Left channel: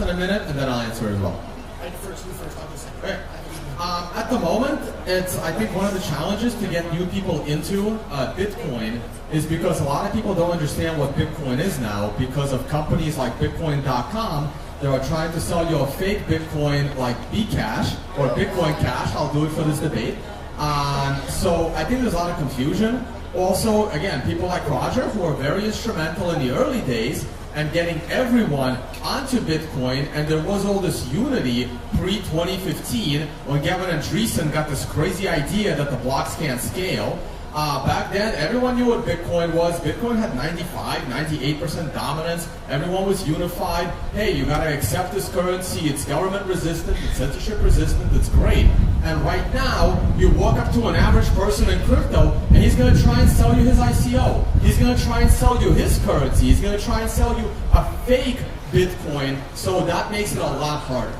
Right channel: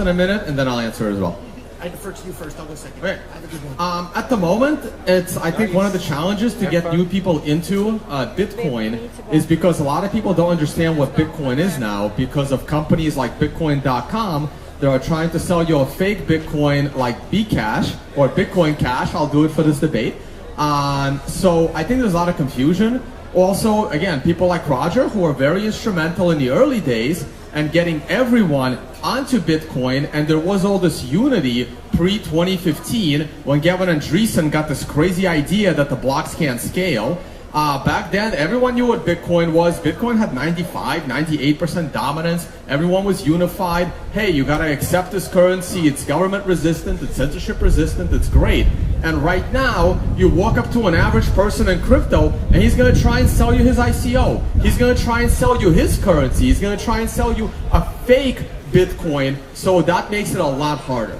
in a minute, and then I'll answer it as well. I defer to you first. I'll go second. Okay. At the moment, I think one of the challenges to get new people into Bitcoin is because a lot of people don't understand what Bitcoin is now because of companies like Bitcoin.com that are trying to sell you a fake Bitcoin like Bcash or Bitcoin Cash. I'll do it for this debate. So I think there's a lot of confusion. Also, again, people like Roger who are very instrumental in the early days and getting everyone onto Bitcoin, and there was all this unity pre-2015 when Gavin Andreessen got this crazy idea that the blocks can't scale. Back then, everyone knew what Bitcoin was. Bitcoin had 95, 98% dominance. Everyone was unified. Hey, you gotta accept this currency. It's government resistant, it's censorship resistant, it's great. And right now, you walk up to an average person in crypto, and he's gonna try and sell you his ICO. He's gonna try and sell you his currency. He's gonna try and sell you a fake Bitcoin, so that makes it a lot harder.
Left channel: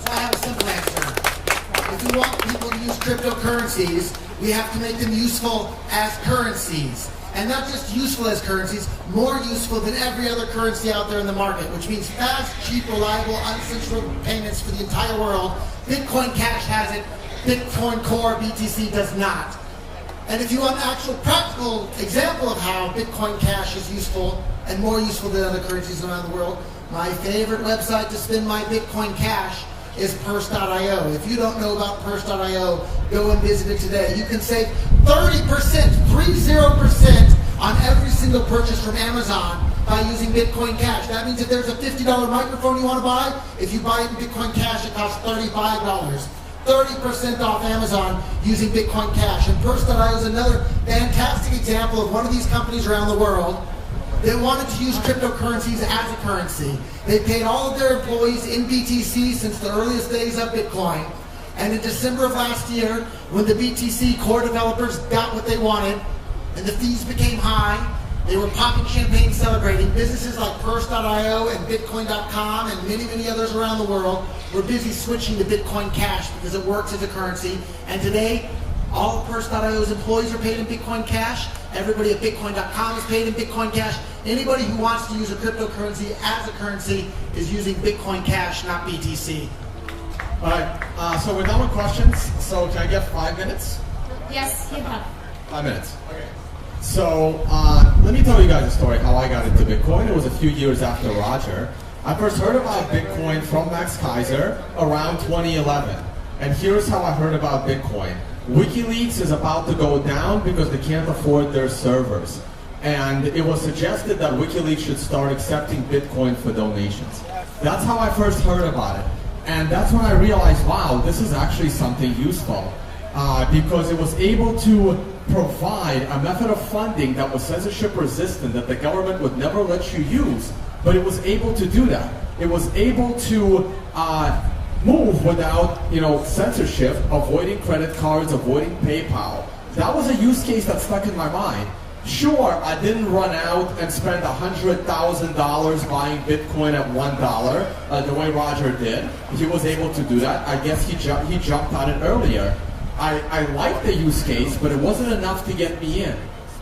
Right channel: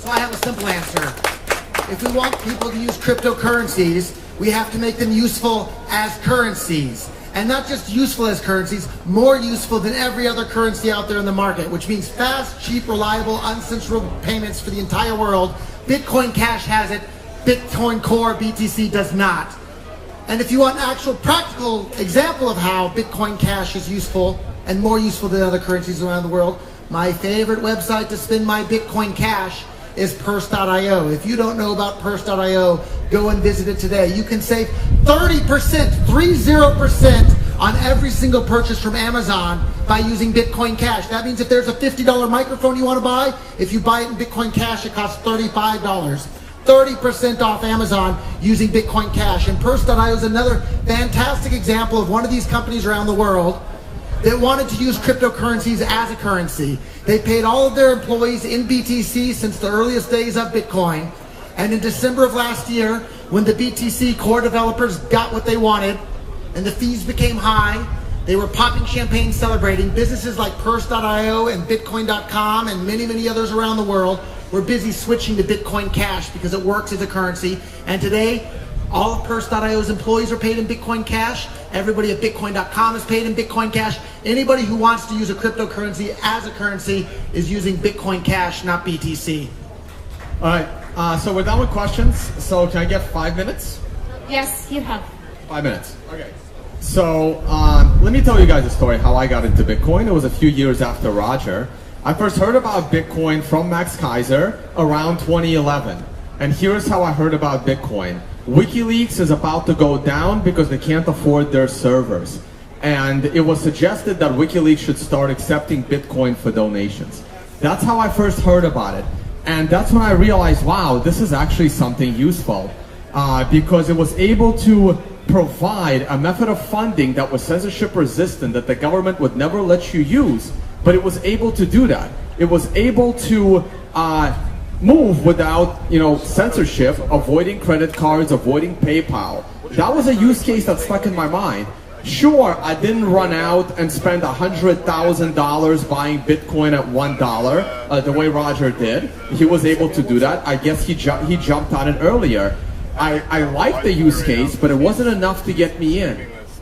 So I have a simple answer. If we want people to use cryptocurrencies, we have to make them useful as currencies. And not just useful as currencies, more useful than every other currency out there in the market, which means fast, cheap, reliable, uncensorable payments for the entire world. Bitcoin Cash has it, Bitcoin Core, BTC does not. And if you want an actual practical example of how Bitcoin Cash is useful and more useful than other currencies around the world, my favorite website to spend my Bitcoin Cash is purse.io. If you don't know about purse.io, go and visit it today. You can save 30%, 30% on every single purchase from Amazon by using Bitcoin Cash. That means if there's a $50 microphone you want to buy, if you buy it in Bitcoin Cash, it costs $35. 30% off Amazon using Bitcoin Cash. And purse.io is another fantastic example of one of these companies around the world that wanted to use cryptocurrencies as a currency. They paid all of their employees in BTC since the earliest days of Bitcoin. And in December of last year, when the BTC core developers got what they wanted and the fees became high, they were popping champagne celebrating. Businesses like purse.io and bitcoin.com and many, many others around the world were busy switching to Bitcoin Cash because it works as a currency. And today, all of purse.io's employees are paid in Bitcoin Cash. Everybody at bitcoin.com is paid in Bitcoin Cash. Anybody who wants to use a cryptocurrency as a currency is using Bitcoin Cash, not BTC. All right, so we're done with questions. So can I get 5 minutes? Yes, you have. 5 minutes. Okay. So let me tell you guys a story how I got into Bitcoin. It was a few years after Roger. I first heard about Bitcoin from Max Kaiser around 2011. And here's how I heard about Bitcoin. WikiLeaks is about to go down because they can't afford their servers. And it was suggested that WikiLeaks should start accepting Bitcoin for donations. That's how I first heard about it. And that's when I realized, wow, this is actually something useful. Because it was able to provide a method of funding that was censorship resistant, that the government would never let you use. But it was able to do that. It was able to move without, censorship, avoiding credit cards, avoiding PayPal. That was a use case that stuck in my mind. Sure, I didn't run out and spend $100,000 buying Bitcoin at $1 the way Roger did. He was able to do that. I guess he jumped on it earlier. I liked the use case, but it wasn't enough to get me in.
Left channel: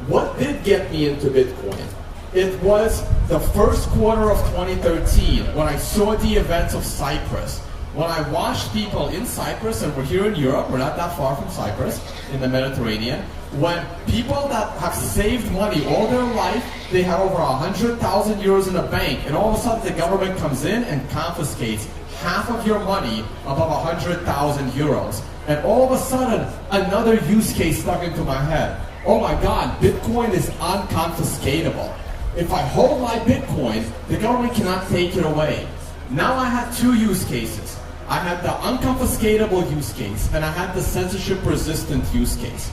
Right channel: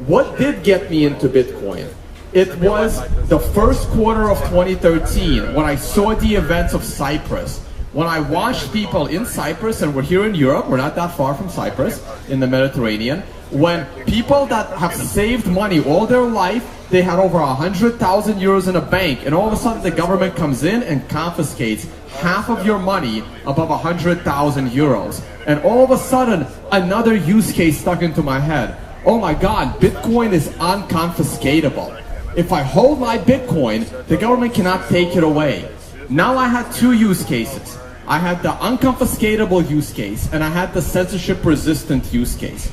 What did get me into Bitcoin? It was the first quarter of 2013 when I saw the events of Cyprus. When I watched people in Cyprus, and we're here in Europe, we're not that far from Cyprus, in the Mediterranean, when people that have saved money all their life, they had over 100,000 euros in a bank, and all of a sudden the government comes in and confiscates half of your money above 100,000 euros. And all of a sudden, another use case stuck into my head. Oh my God, Bitcoin is unconfiscatable. If I hold my Bitcoin, the government cannot take it away. Now I had two use cases. I had the unconfiscatable use case, and I had the censorship-resistant use case.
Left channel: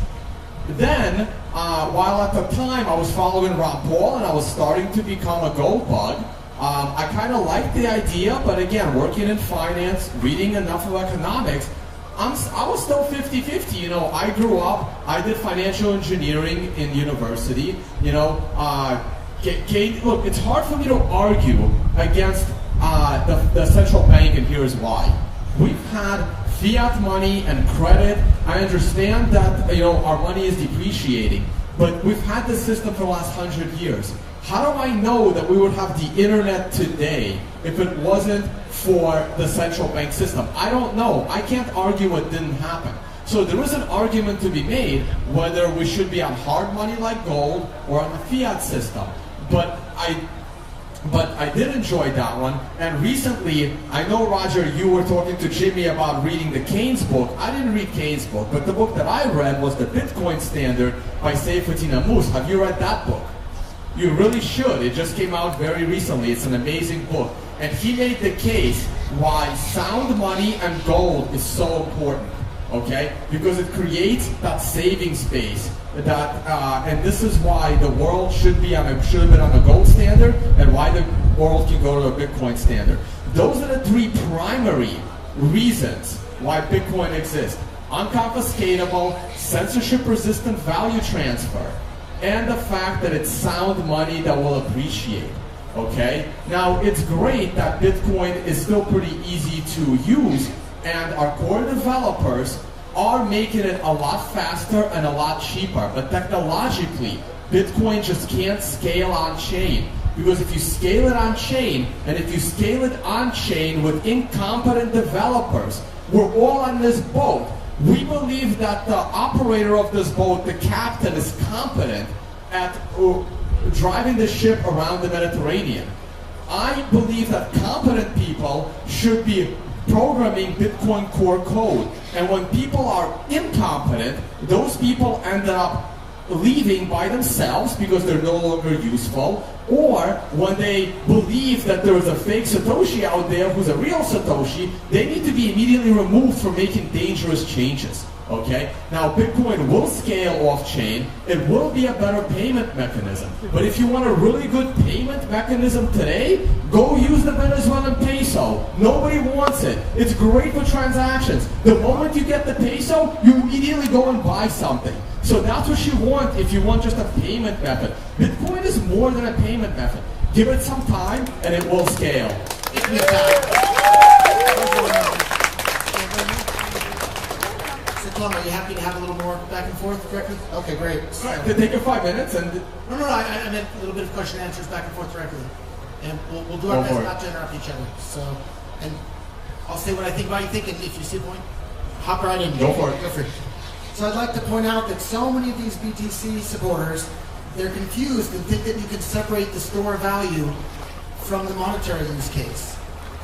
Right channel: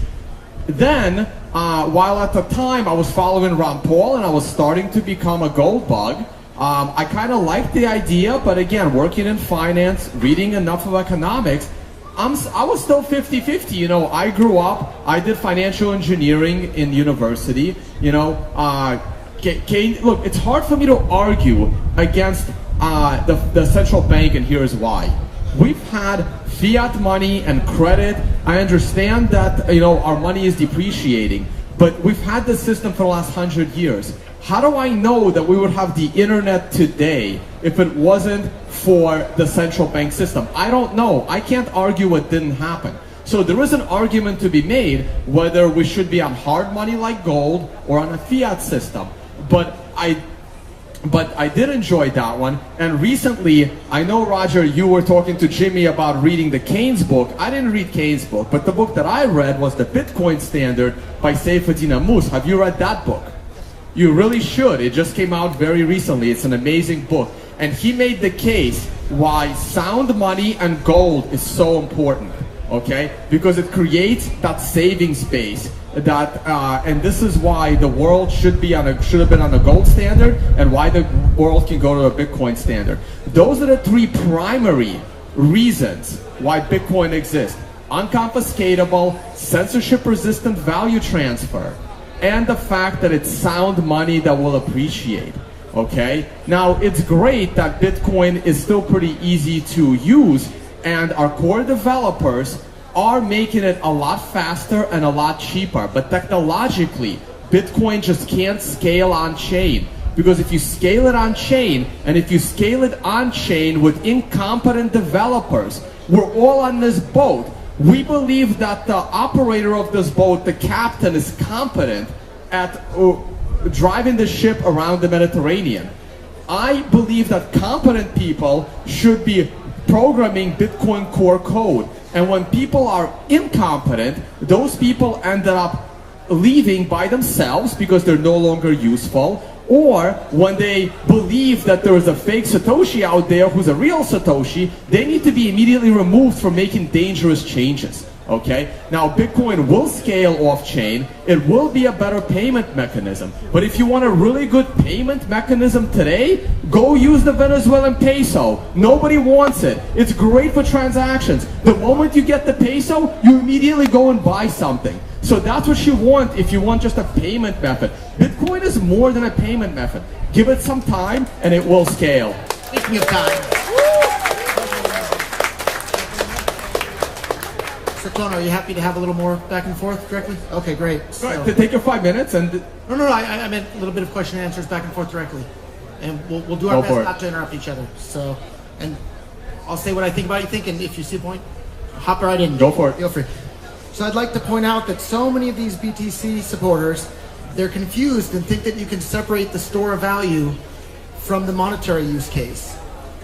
Then, while at the time I was following Ron Paul and I was starting to become a gold bug, I kind of liked the idea, but again, working in finance, reading enough of economics, I was still 50-50. I grew up, I did financial engineering in university. Look, it's hard for me to argue against the central bank, and here's why. We've had fiat money and credit. I understand that our money is depreciating, but we've had this system for the last 100 years. How do I know that we would have the internet today if it wasn't for the central bank system? I don't know. I can't argue what didn't happen. So there is an argument to be made whether we should be on hard money like gold or on a fiat system. But I did enjoy that one. And recently, I know, Roger, you were talking to Jimmy about reading the Keynes book. I didn't read Keynes' book, but the book that I read was The Bitcoin Standard by Seyfuddin Ammous. Have you read that book? You really should. It just came out very recently. It's an amazing book. And he made the case why sound money and gold is so important, okay? Because it creates that savings base. And this is why the world should have been on a gold standard, and why the world can go to a Bitcoin standard. Those are the three primary reasons why Bitcoin exists: unconfiscatable, censorship-resistant value transfer, and the fact that it's sound money that will appreciate. Okay? Now, it's great that Bitcoin is still pretty easy to use, and our core developers are making it a lot faster and a lot cheaper. But technologically, Bitcoin just can't scale on chain. Because if you scale it on chain, and if you scale it on chain with incompetent developers, we're all on this boat. We believe that the operator of this boat, the captain, is competent at driving the ship around the Mediterranean. I believe that competent people should be programming Bitcoin core code. And when people are incompetent, those people end up leaving by themselves because they're no longer useful, or when they believe that there is a fake Satoshi out there who's a real Satoshi, they need to be immediately removed from making dangerous changes. Okay? Now, Bitcoin will scale off-chain. It will be a better payment mechanism. But if you want a really good payment mechanism today, go use the Venezuelan peso. Nobody wants it. It's great for transactions. The moment you get the peso, you immediately go and buy something. So that's what you want if you want just a payment method. Bitcoin is more than a payment method. Give it some time and it will scale. Give me time. Tono, are you happy to have a little more back and forth directly? Okay, great. So, all right, take your 5 minutes and... No, I meant a little bit of question and answers back and forth directly. And we'll do our best not to interrupt each other. So, and I'll say what I think about you think, and if you see a point, hop right in. Go for it. Feel free. So I'd like to point out that so many of these BTC supporters, they're confused and think that you can separate the store of value from the monetary use case.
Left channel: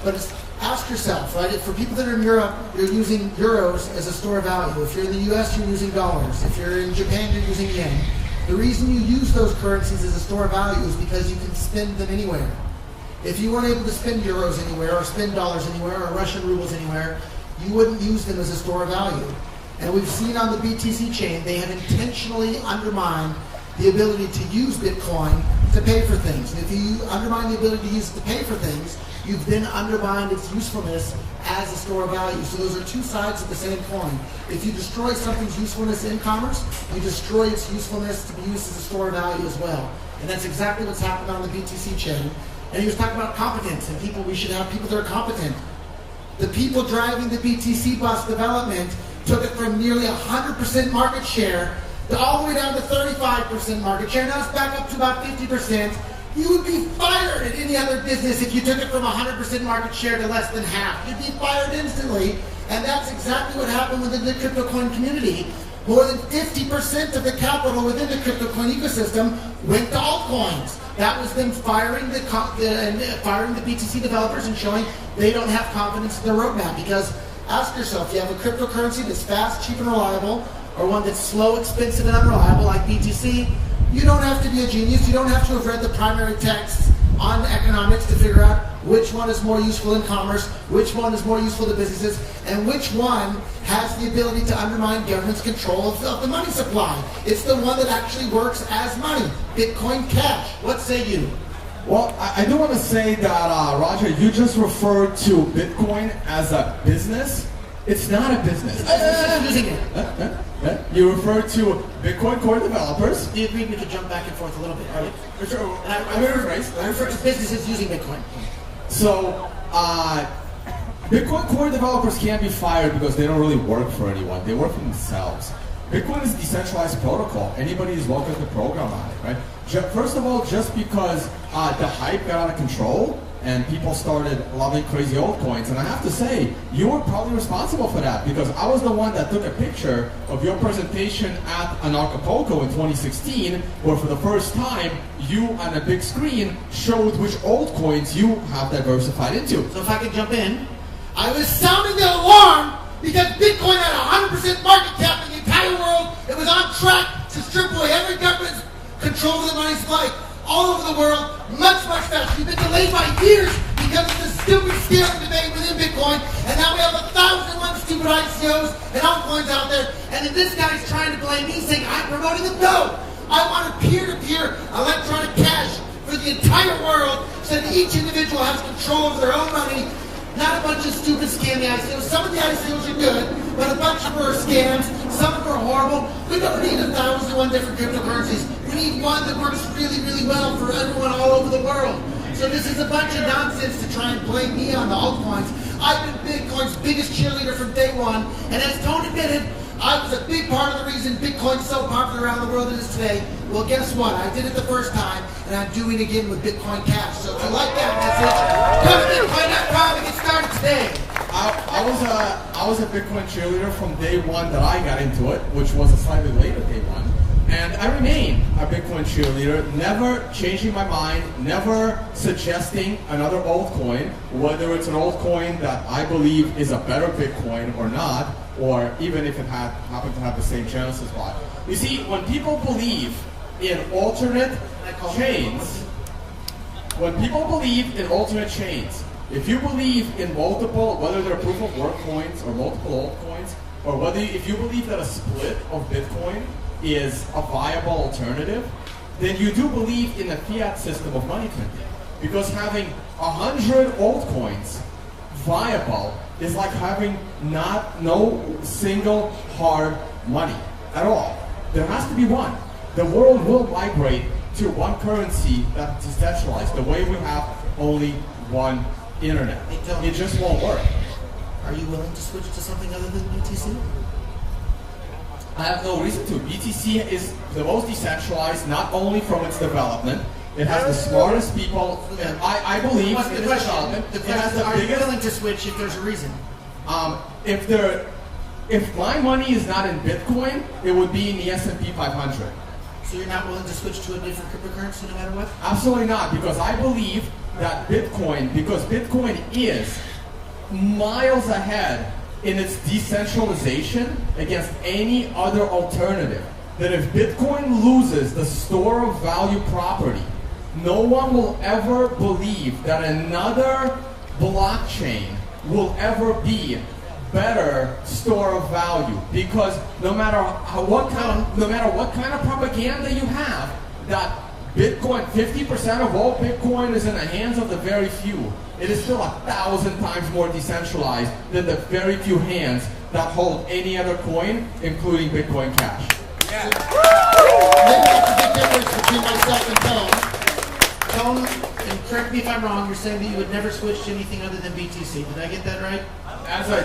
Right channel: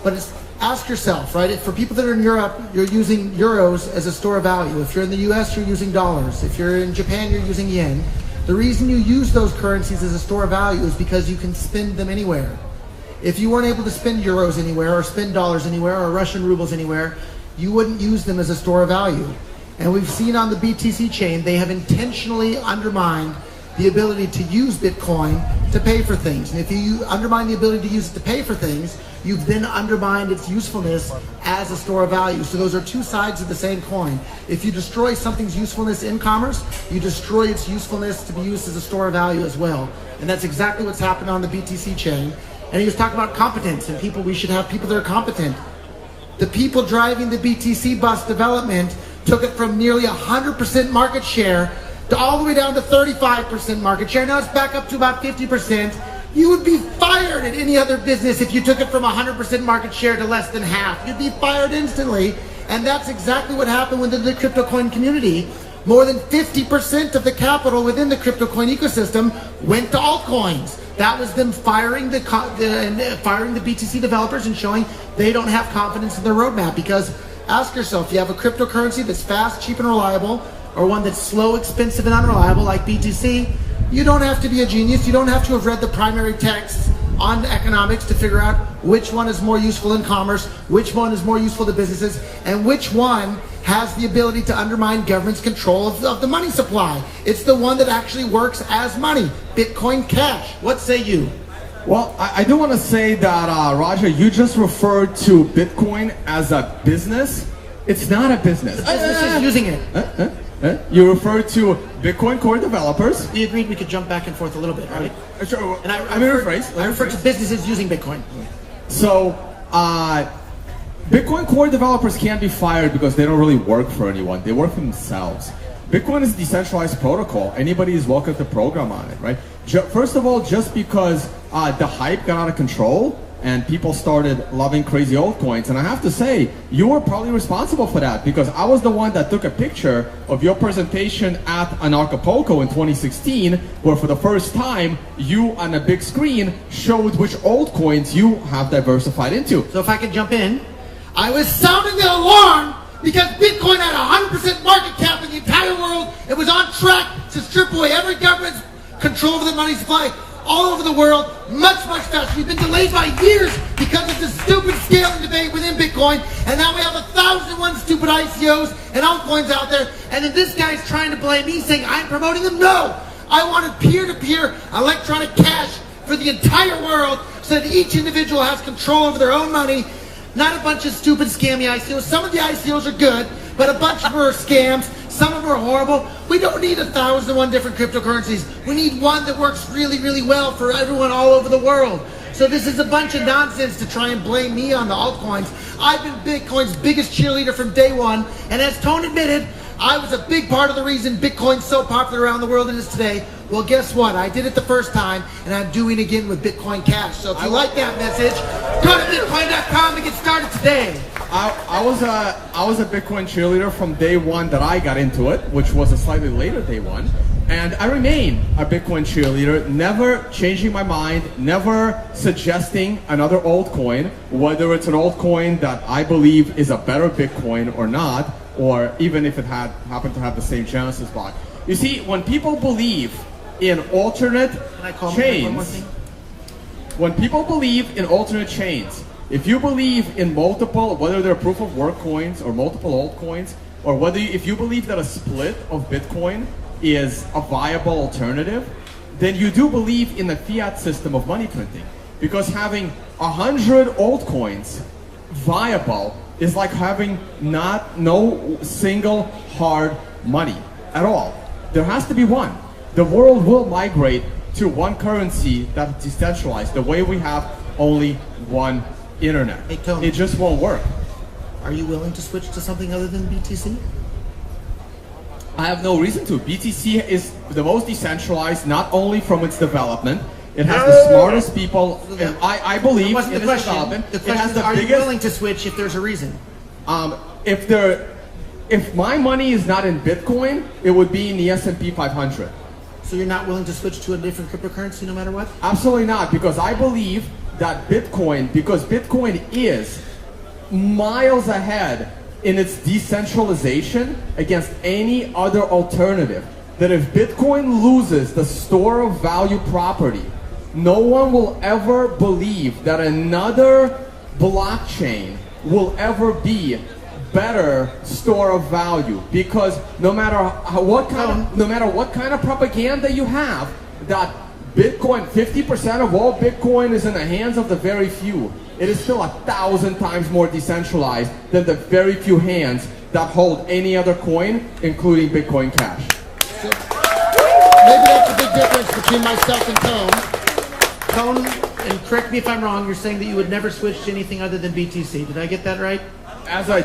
But ask yourself, right? For people that are in Europe, you're using euros as a store of value. If you're in the US, you're using dollars. If you're in Japan, you're using yen. The reason you use those currencies as a store of value is because you can spend them anywhere. If you weren't able to spend euros anywhere, or spend dollars anywhere, or Russian rubles anywhere, you wouldn't use them as a store of value. And we've seen on the BTC chain, they have intentionally undermined the ability to use Bitcoin to pay for things. And if you undermine the ability to use it to pay for things, you've then undermined its usefulness as a store of value. So those are two sides of the same coin. If you destroy something's usefulness in commerce, you destroy its usefulness to be used as a store of value as well. And that's exactly what's happened on the BTC chain. And he was talking about competence and people, we should have people that are competent. The people driving the BTC bus development took it from nearly 100% market share to all the way down to 35% market share. Now it's back up to about 50%. You would be fired at any other business if you took it from 100% market share to less than half. You'd be fired instantly. And that's exactly what happened within the crypto coin community. More than 50% of the capital within the crypto coin ecosystem went to altcoins. That was them firing the BTC developers and showing they don't have confidence in their roadmap. Because ask yourself, you have a cryptocurrency that's fast, cheap, and reliable, or one that's slow, expensive, and unreliable like BTC, you don't have to be a genius. You don't have to have read the primary texts on economics to figure out which one is more useful in commerce, which one is more useful to businesses, and which one has the ability to undermine government's control of the money supply. It's the one that actually works as money. Bitcoin Cash. What say you? Well, I do want to say that, Roger, you just referred to Bitcoin as a business. It's not a business. The business is using it. You referred to Bitcoin core developers. We agreed we could jump back and forth a little bit, right? Sure. And I refer to businesses using Bitcoin. So, Bitcoin core developers can't be fired because they don't really work for anyone. They work for themselves. Bitcoin is a decentralized protocol. Anybody is welcome to program on it, right? First of all, just because the hype got out of control and people started loving crazy altcoins. And I have to say, you were probably responsible for that, because I was the one that took a picture of your presentation at Acapulco in 2016, where for the first time, you on a big screen showed which altcoins you have diversified into. So if I could jump in, I was sounding the alarm because Bitcoin had 100% market cap in the entire world. It was on track to strip away every government's control over the money supply all over the world, much, much faster. We've been delayed by years because of this stupid scaling debate within Bitcoin, and now we have 1,001 stupid ICOs and altcoins out there, and then this guy's trying to blame me, saying I'm promoting them. No! I wanted peer-to-peer electronic cash for the entire world so that each individual has control over their own money, not a bunch of stupid scammy ICOs. Some of the ICOs are good, but a bunch of them are scams. Some of them are horrible. We don't need 1,001 different cryptocurrencies. We need one that works really, really well for everyone all over the world. So this is a bunch of nonsense to try and blame me on the altcoins. I've been Bitcoin's biggest cheerleader from day one, and as Tone admitted, I was a big part of the reason Bitcoin's so popular around the world it is today. Well, guess what? I did it the first time, and I'm doing it again with Bitcoin Cash. So if you like that message, go to bitcoin.com and get started today. I was a Bitcoin cheerleader from day one that I got into it, which was a slightly later day one. And I remain a Bitcoin cheerleader, never changing my mind, never suggesting another altcoin, whether it's an altcoin that I believe is a better Bitcoin or not, or even if it happened to have the same genesis bot. You see, when people believe in alternate chains, if you believe in multiple, whether they're proof of work coins or multiple altcoins, or if you believe that a split of Bitcoin is a viable alternative, then you do believe in the fiat system of money printing. Because having 100 altcoins viable is like having no single hard money at all. There has to be one. The world will migrate to one currency that's decentralized, the way we have only one internet. Hey, Tony, it just won't work. Are you willing to switch to something other than BTC? I have no reason to. BTC is the most decentralized, not only from its development. It has the smartest people, and I believe in its development. The question is, are you willing to switch if there's a reason? If my money is not in Bitcoin, it would be in the S&P 500. So you're not willing to switch to a different cryptocurrency no matter what? Absolutely not, because I believe that because Bitcoin is miles ahead in its decentralization against any other alternative, that if Bitcoin loses the store of value property, no one will ever believe that another blockchain will ever be better store of value, because no matter what kind of propaganda you have, that Bitcoin, 50% of all Bitcoin is in the hands of the very few. It is still 1,000 times more decentralized than the very few hands that hold any other coin, including Bitcoin Cash. Yeah. Maybe that's a big difference between myself and Tone. Tone, and correct me if I'm wrong, you're saying that you would never switch to anything other than BTC. Did I get that right? As a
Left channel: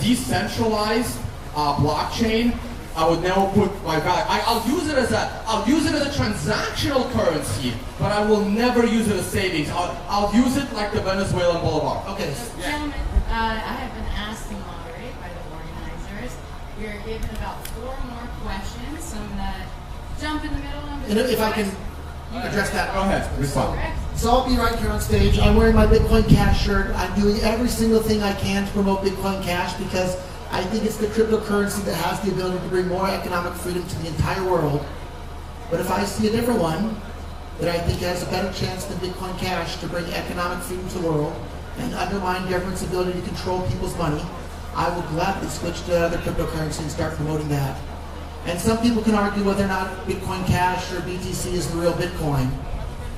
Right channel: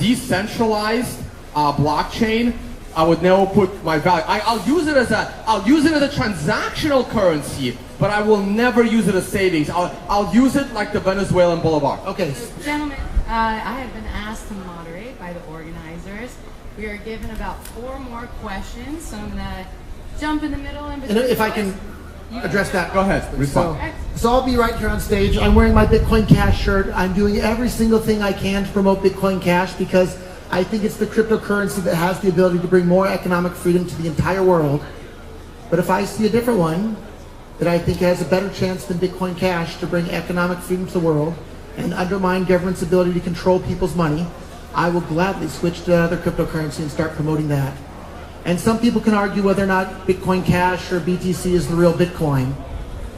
decentralized blockchain, I would never put my value. I'll use it as a transactional currency, but I will never use it as savings. I'll use it like the Venezuelan bolivar. Okay. Gentlemen, I have been asked to moderate by the organizers. We are given about 4 more questions, so I'm gonna jump in the middle and if I can address that. Go ahead, respond. So I'll be right here on stage. I'm wearing my Bitcoin Cash shirt. I'm doing every single thing I can to promote Bitcoin Cash because I think it's the cryptocurrency that has the ability to bring more economic freedom to the entire world. But if I see a different one that I think has a better chance than Bitcoin Cash to bring economic freedom to the world and undermine government's ability to control people's money, I will gladly switch to another cryptocurrency and start promoting that. And some people can argue whether or not Bitcoin Cash or BTC is the real Bitcoin.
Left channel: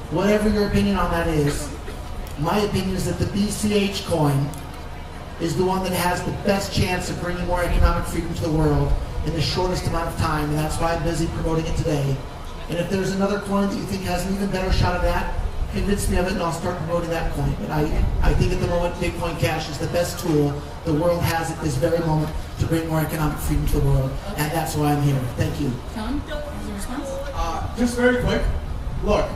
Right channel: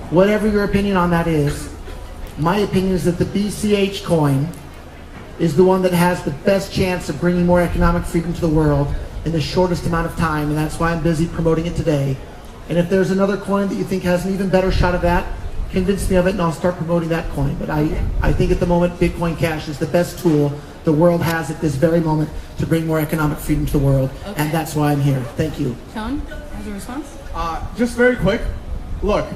Whatever your opinion on that is, my opinion is that the BCH coin is the one that has the best chance of bringing more economic freedom to the world in the shortest amount of time, and that's why I'm busy promoting it today. And if there's another coin that you think has an even better shot at that, convince me of it and I'll start promoting that coin. But I think at the moment Bitcoin Cash is the best tool the world has at this very moment to bring more economic freedom to the world, and that's why I'm here. Thank you. Tone, has a response? Just very quick, Look,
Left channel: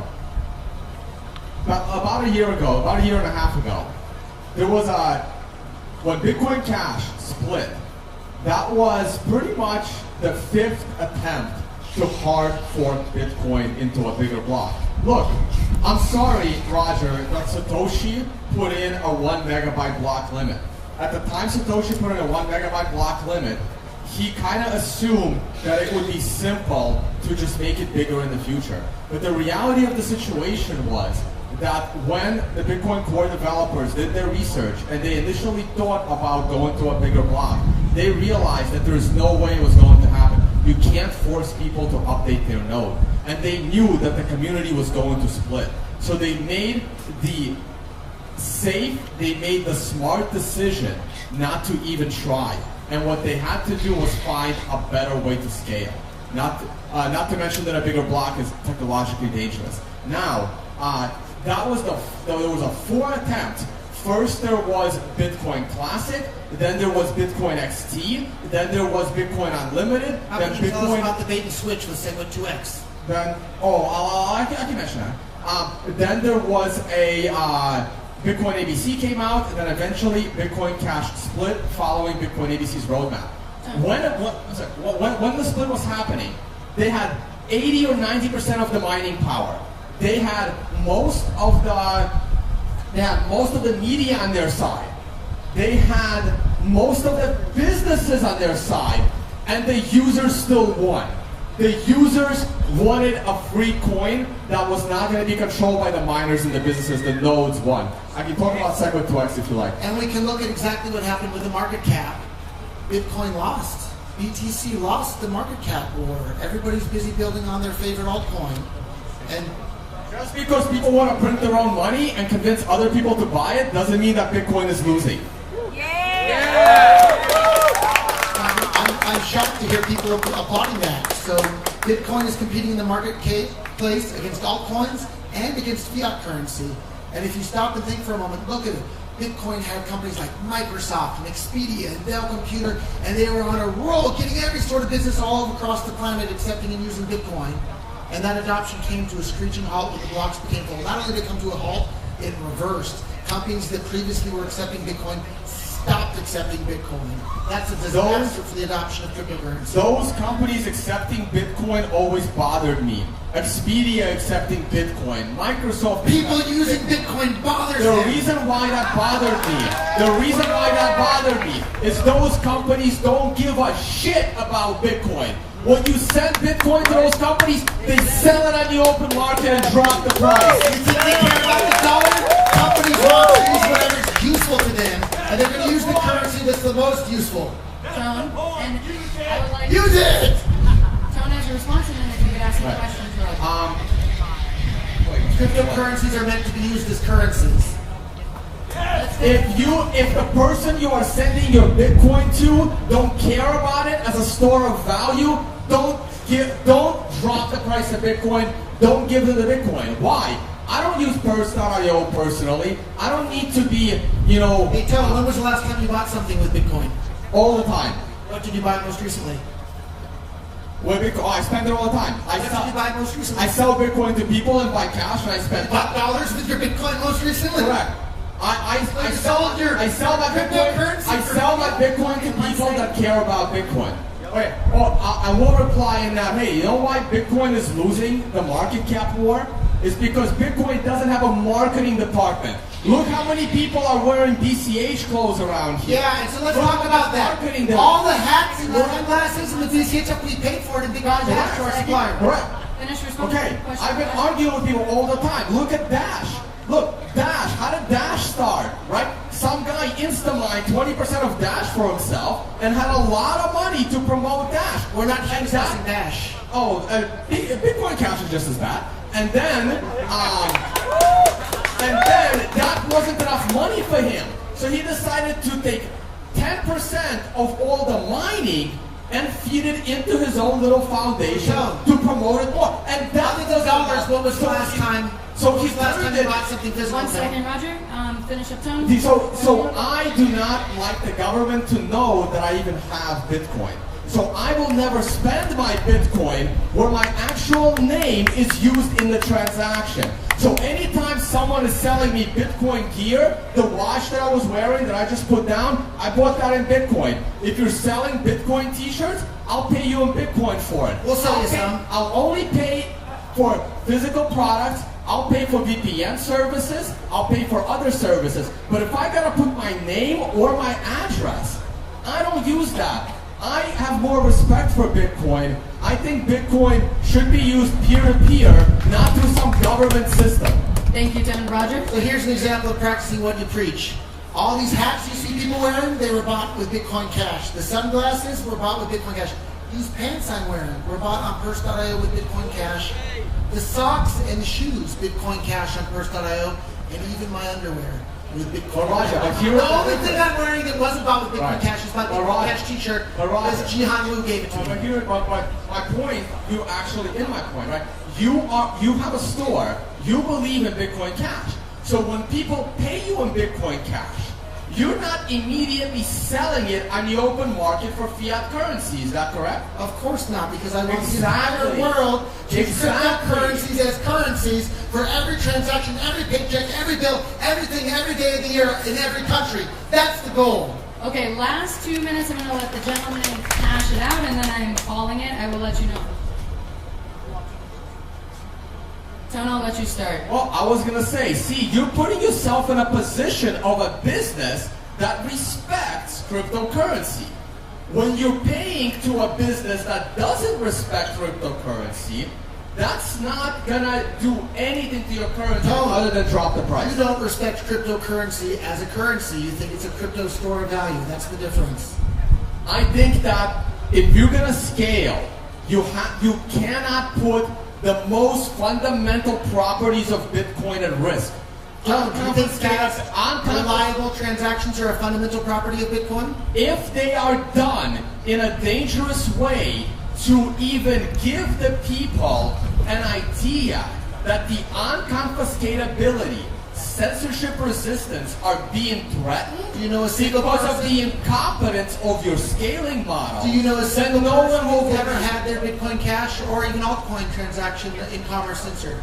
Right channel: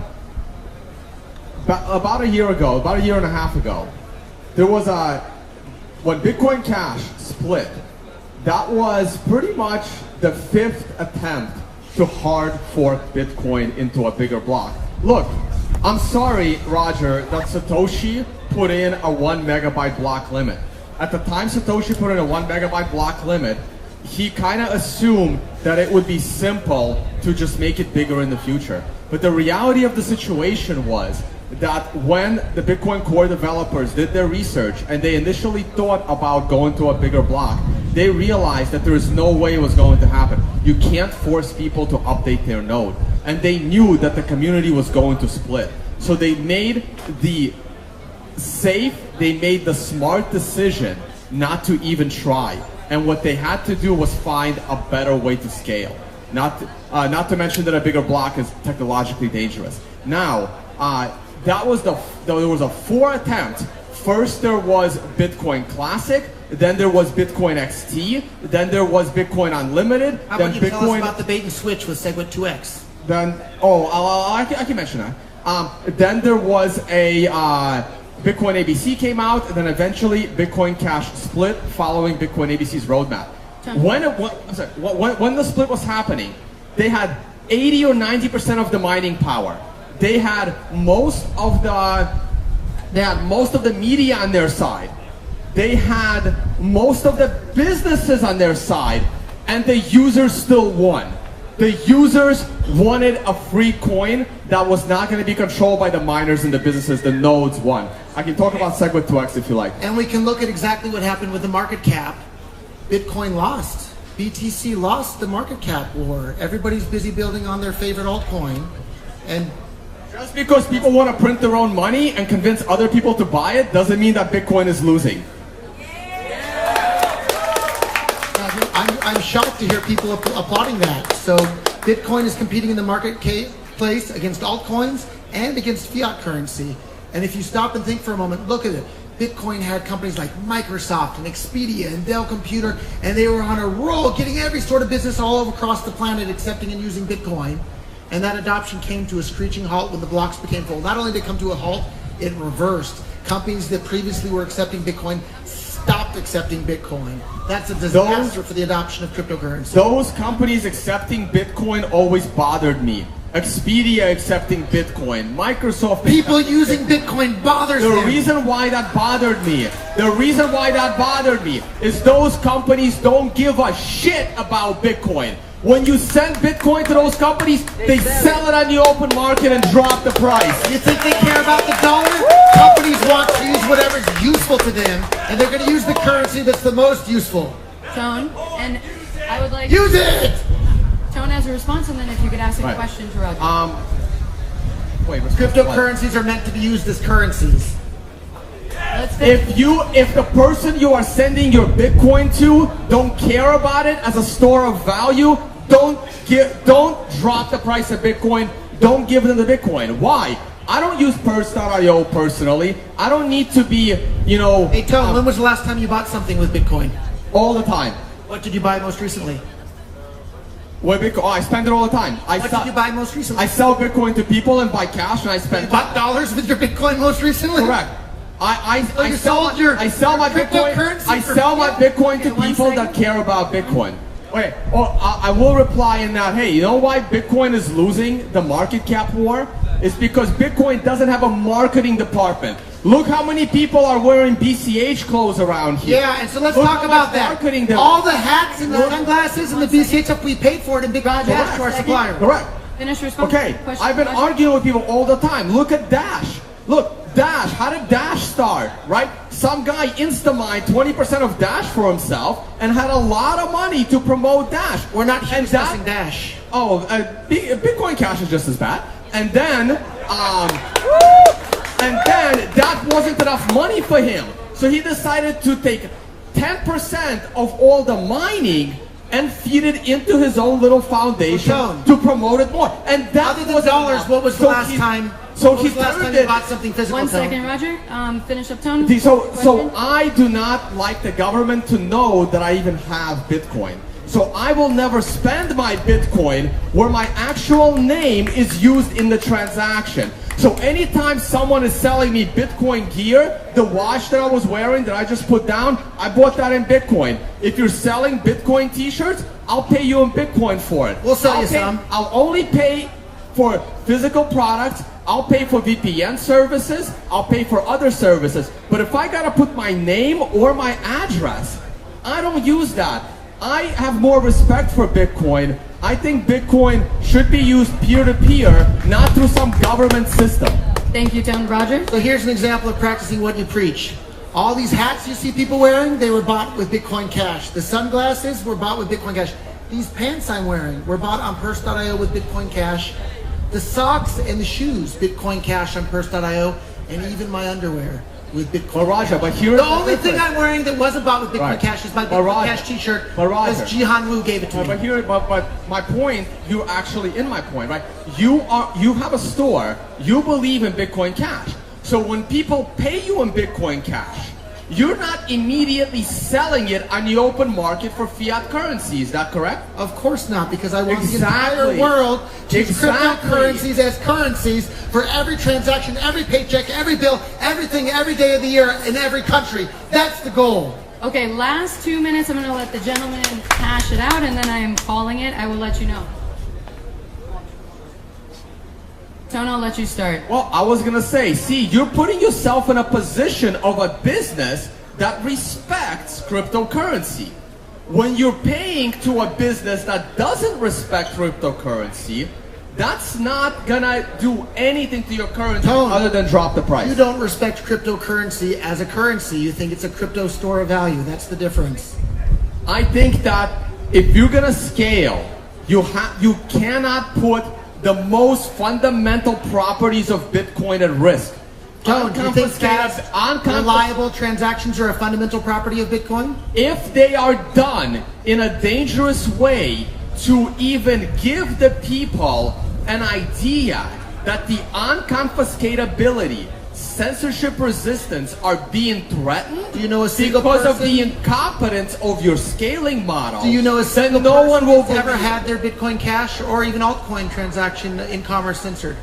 about a year ago, about a year and a half ago, there was when Bitcoin Cash split, that was pretty much the 5th attempt to hard fork Bitcoin into a bigger block. Look, I'm sorry, Roger, that Satoshi put in a 1 megabyte block limit. At the time Satoshi put in a 1 megabyte block limit, he kind of assumed that it would be simple to just make it bigger in the future. But the reality of the situation was that when the Bitcoin core developers did their research and they initially thought about going to a bigger block, they realized that there is no way it was going to happen. You can't force people to update their node. And they knew that the community was going to split. So they made the smart decision not to even try. And what they had to do was find a better way to scale. Not to mention that a bigger block is technologically dangerous. Now, there was a 4 attempt. First there was Bitcoin Classic, then there was Bitcoin XT, then there was Bitcoin Unlimited. How then about you tell us Bitcoin, about the bait and switch with Segwit 2X? Then, I can mention that. Then there was a Bitcoin ABC came out, and then eventually Bitcoin Cash split following Bitcoin ABC's roadmap. When the split was happening, they had 80 or 90% of the mining power. They had most of the media on their side. They had most of the businesses on their side, and the users still won. The users wanted a free coin that was not going to be controlled by the miners and the businesses. The nodes won. I can talk about Segwit 2X if you like. And we can look at exactly what happened with the market cap. Bitcoin lost. BTC lost the market cap war. Everybody's busy building on their favorite altcoin. And just because people want to print their own money and convince other people to buy it doesn't mean that Bitcoin is losing. I'm shocked to hear people applauding that. So Bitcoin is competing in the marketplace against altcoins and against fiat currency. And if you stop and think for a moment, look at it. Bitcoin had companies like Microsoft and Expedia and Dell Computer, and they were on a roll getting every sort of business all across the planet accepting and using Bitcoin. And that adoption came to a screeching halt when the blocks became full. Not only did it come to a halt, it reversed. Companies that previously were accepting Bitcoin stopped accepting Bitcoin. That's a disaster for the adoption of cryptocurrency. Those companies accepting Bitcoin always bothered me. Expedia accepting Bitcoin, Microsoft. People using Bitcoin bothers them. The reason why that bothered me is those companies don't give a shit about Bitcoin. When you send Bitcoin to those companies, they sell it on the open market and drop the price. You think they care about the dollar? Companies want to use whatever's useful to them, and they're going to use the currency that's the most useful. Tone, and I would like... Use it! Tone has a response, and then if you could ask some questions, Roger. Cryptocurrencies are meant to be used as currencies. If the person you are sending your Bitcoin to don't care about it as a store of value, don't drop the price of Bitcoin. Don't give them the Bitcoin. Why? I don't use Purse.io personally. I don't need to be, Hey, Tone, when was the last time you bought something with Bitcoin? All the time. What did you buy most recently? With Bitcoin, I spend it all the time. What did you buy most recently? I sell Bitcoin to people and buy cash, and I spend. You bought dollars with your Bitcoin most recently? Correct. I sell my cryptocurrency. I sell my Bitcoin to people that care about Bitcoin. Okay. Well, I will reply in that. Hey, you know why Bitcoin is losing the market cap war? It's because Bitcoin doesn't have a marketing department. Look how many people are wearing BCH clothes around here. Yeah, and so let's talk about that. All the hats and the sunglasses and the BCH stuff, we paid for it in Bitcoin Dash to our supplier. Correct. Finish response. Okay, I've been arguing with people all the time. Look at Dash. Look, Dash. How did Dash start? Right? Some guy Instamined 20% of Dash for himself and had a lot of money to promote Dash. We're not discussing Dash. Oh, Bitcoin Cash is just as bad. And then that wasn't enough money for him. So he decided to take 10% of all the mining and feed it into his own little foundation to promote it more. And that other than dollars, what was the last time? So he turned it. Bought something physical. 1 second, Roger. Finish up, Tone. So I do not like the government to know that I even have Bitcoin. So I will never spend my Bitcoin where my actual name is used in the transaction. So anytime someone is selling me Bitcoin gear, the watch that I was wearing that I just put down, I bought that in Bitcoin. If you're selling Bitcoin t-shirts, I'll pay you in Bitcoin for it. We'll sell you some. I'll only pay for physical products. I'll pay for VPN services. I'll pay for other services. But if I gotta put my name or my address, I don't use that. I have more respect for Bitcoin. I think Bitcoin should be used peer-to-peer, not through some government system. Thank you, Tone. Roger? So here's an example of practicing what you preach. All these hats you see people wearing, they were bought with Bitcoin Cash. The sunglasses were bought with Bitcoin Cash. These pants I'm wearing were bought on Purse.io with Bitcoin Cash. The socks and the shoes, Bitcoin Cash on Purse.io, and even my underwear with Bitcoin. Well, Roger, but here the only thing I'm wearing that wasn't bought with Bitcoin Right. Cash is my But Bitcoin Roger- Cash T-shirt. but Roger- Because Jihan Wu gave it to me. But my point, you're actually in my point, right? You have a store. You believe in Bitcoin Cash. So when people pay you in Bitcoin Cash, you're not immediately selling it on the open market for fiat currency. Is that correct? Of course not, because I want the Exactly. entire world to use Exactly. cryptocurrencies as currencies for every transaction, every paycheck, every bill, everything, every day of the year in every country. That's the goal. Okay, last 2 minutes. I'm going to let the gentleman hash it out, and then I am calling it. I will let you know. Tone, I'll let you start. Well, I was gonna say, see, you're putting yourself in a position of a business that respects cryptocurrency. When you're paying to a business that doesn't respect cryptocurrency, that's not gonna do anything to your currency Tone, other than drop the price. You don't respect cryptocurrency as a currency. You think it's a crypto store of value. That's the difference. I think that if you're gonna scale, you cannot put the most fundamental properties of Bitcoin at risk. Tone, do you think that Unconfiscated- reliable transactions are a fundamental property of Bitcoin? If they are done in a dangerous way to even give the people an idea that the unconfiscatability, censorship resistance are being threatened Do you know a single because of person- the incompetence of your scaling model, Do you know a single then no one will person who's ever believe- had their Bitcoin Cash or even altcoin transaction in commerce censored?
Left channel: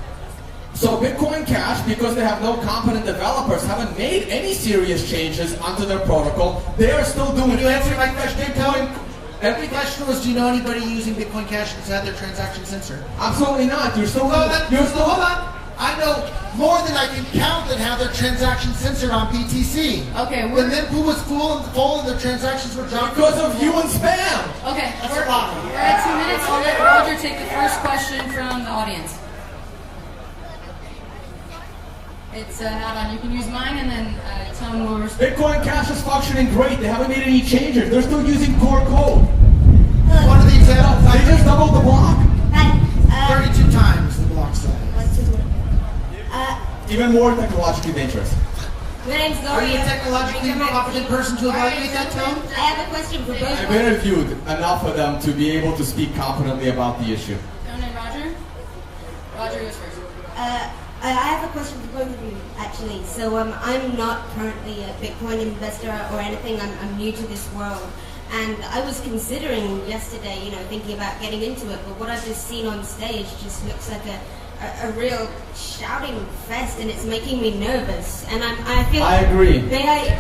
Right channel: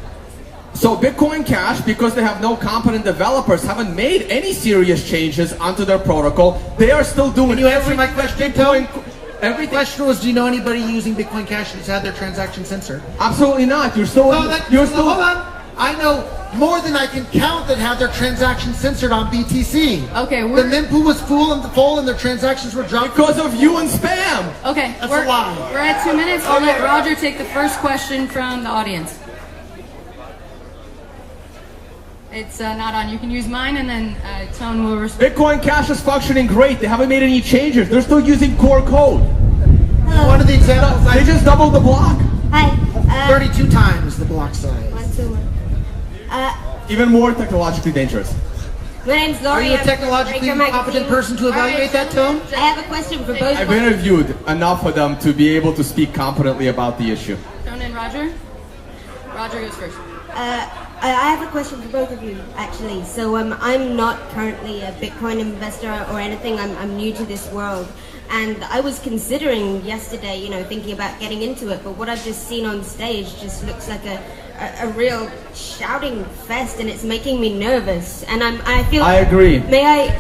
So Bitcoin Cash, because they have no competent developers, haven't made any serious changes onto their protocol. They are still doing. Can you answer my everything that question, Bitcoin. Tone? The Everything. question was, do you know anybody using Bitcoin Cash that's had their transaction censored? Absolutely not. You're still. Hold on. I know more than I can count that had their transactions censored on BTC. Okay, The we're mempool was full and their transactions were dropped. Because of you and spam. okay. That's we're, a lie. We're at 2 minutes. I'll let Roger take the first question from the audience. It's not on. You can use mine, and then Tone will respond. Bitcoin Cash is functioning great. They haven't made any changes. They're still using core code. One of the examples They just doubled the block. Hi. 32 times the block size. 1, 2, 1. Even more technologically dangerous. My name's Are Laurie. you a I'm technologically from Breaker competent Magazine. person to evaluate that, Tone? I have a question for both I've of you. interviewed enough of them to be able to speak competently about the issue. Tone and Roger. Roger goes first. I have a question for both of you, actually. So I'm not currently a Bitcoin investor or anything. I'm new to this world. And I was considering yesterday, thinking about getting into it. But what I've just seen on stage just looks like a real shouting fest, and it's making me nervous. And I feel. I agree. My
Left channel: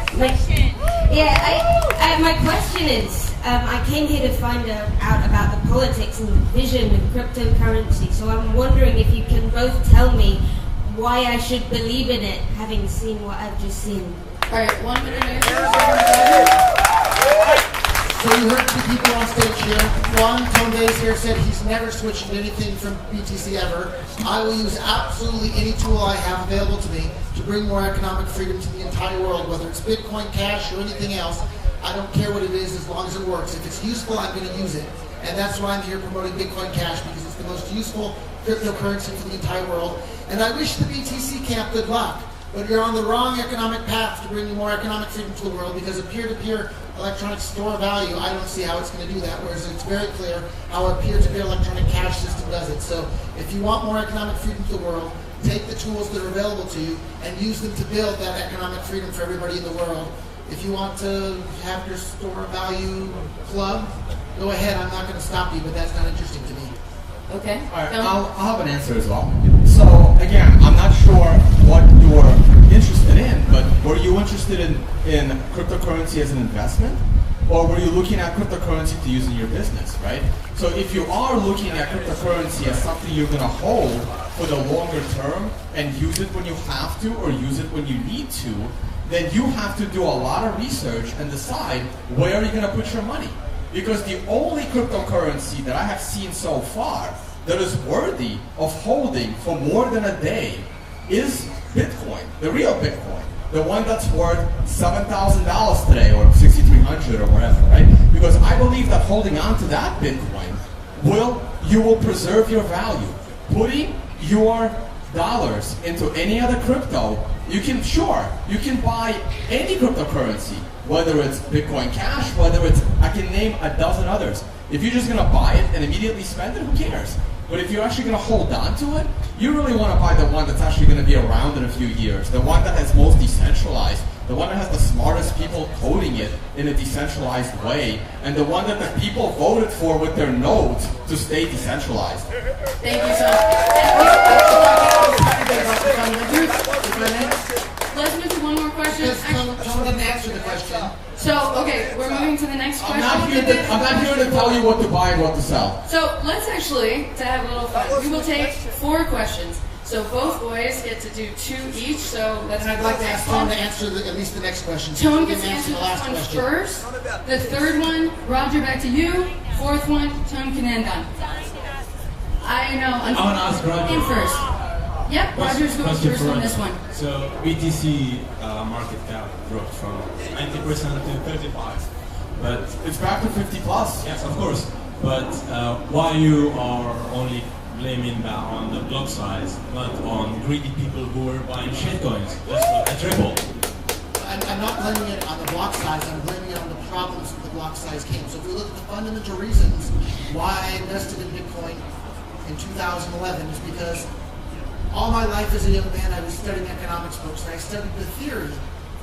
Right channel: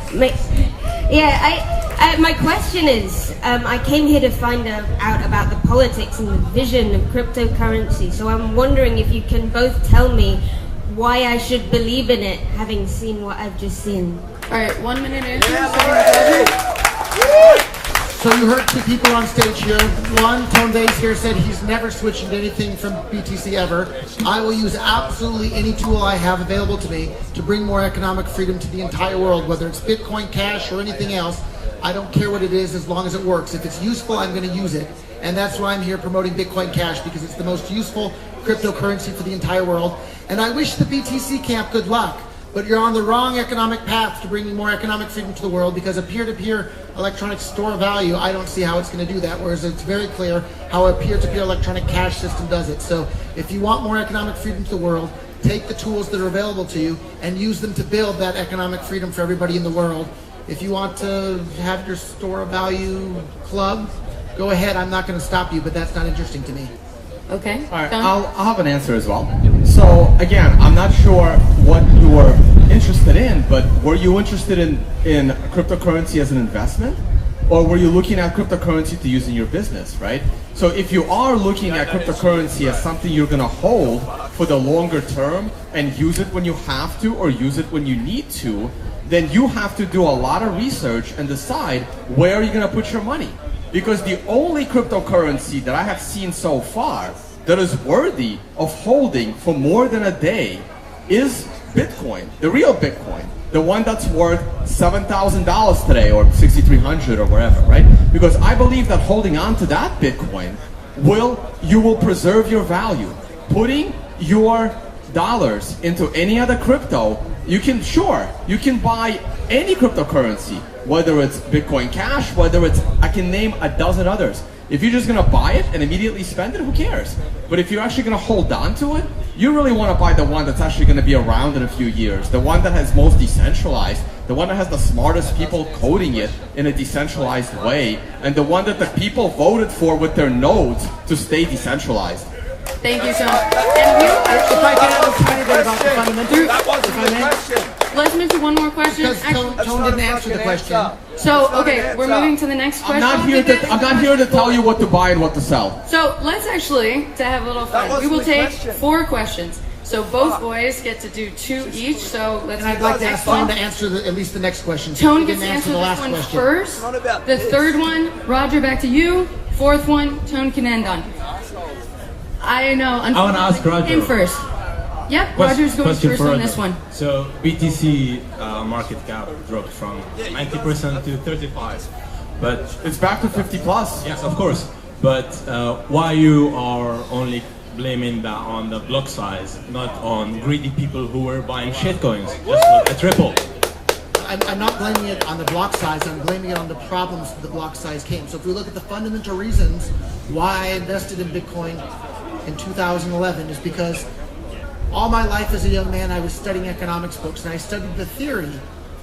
question is, I came here to find out about the politics and the vision of cryptocurrency. So I'm wondering if you can both tell me why I should believe in it, having seen what I've just seen. All right, 1 minute answer. Starting with Roger. So you heard two people on stage here. One, Tone Vase here said he's never switching to anything from BTC ever. I will use absolutely any tool I have available to me to bring more economic freedom to the entire world, whether it's Bitcoin Cash or anything else. I don't care what it is as long as it works. If it's useful, I'm going to use it. And that's why I'm here promoting Bitcoin Cash, because it's the most useful cryptocurrency for the entire world. And I wish the BTC camp good luck. But you're on the wrong economic path to bringing more economic freedom to the world, because a peer-to-peer electronic store of value, I don't see how it's going to do that, whereas it's very clear how a peer-to-peer electronic cash system does it. So if you want more economic freedom to the world, take the tools that are available to you and use them to build that economic freedom for everybody in the world. If you want to have your store of value club, go ahead. I'm not going to stop you, but that's not interesting to me. Okay. All right, Tom? I'll have an answer as well. So again, I'm not sure what you were interested in, but were you interested in cryptocurrency as an investment? Or were you looking at cryptocurrency to use in your business, right? So if you are looking at cryptocurrency as something you're gonna hold for the longer term and use it when you have to or use it when you need to, then you have to do a lot of research and decide where you're gonna put your money. Because the only cryptocurrency that I have seen so far that is worthy of holding for more than a day is Bitcoin, the real Bitcoin. The one that's worth $7,000 today or $6,300 or wherever, right? Because I believe that holding on to that Bitcoin you will preserve your value. Putting your dollars into any other crypto, you can buy any cryptocurrency, whether it's Bitcoin Cash, whether it's, I can name a dozen others. If you're just gonna buy it and immediately spend it, who cares? But if you're actually gonna hold on to it, you really wanna buy the one that's actually gonna be around in a few years, the one that has most decentralized, the one that has the smartest people coding it in a decentralized way, and the one that the people voted for with their nodes to stay decentralized. Thank you, Tom. If I can add a tiny bit about the fundamentals, if I may. Let's move to one more question. Because Tone didn't answer the question. So, okay, we're moving to the next question. I'm not here to tell you what to buy and what to sell. So let's actually, to have a little fun, we will take 4 questions. So both boys get to do 2 each. So let's And I'd do like the to next ask Tone one. to answer at least the next question. Tone He gets to didn't answer the this last one question. first. The third one, Roger, back to you. 4th one, Tone can end on. I know. I want to ask Roger. Him first. Yep, Roger's going Question first for on Roger. this one. So BTC market cap dropped from 90% to 35%. But It's back to 50 plus. yes, of course. But why you are only blaming that on the block size, not on greedy people who were buying shitcoins? Just look at Ripple. I'm not blaming it on the block size, I'm blaming it on the problems that the block size came. So if we look at the fundamental reasons why I invested in Bitcoin in 2011 is because all my life as a young man I was studying economics books, and I studied the theory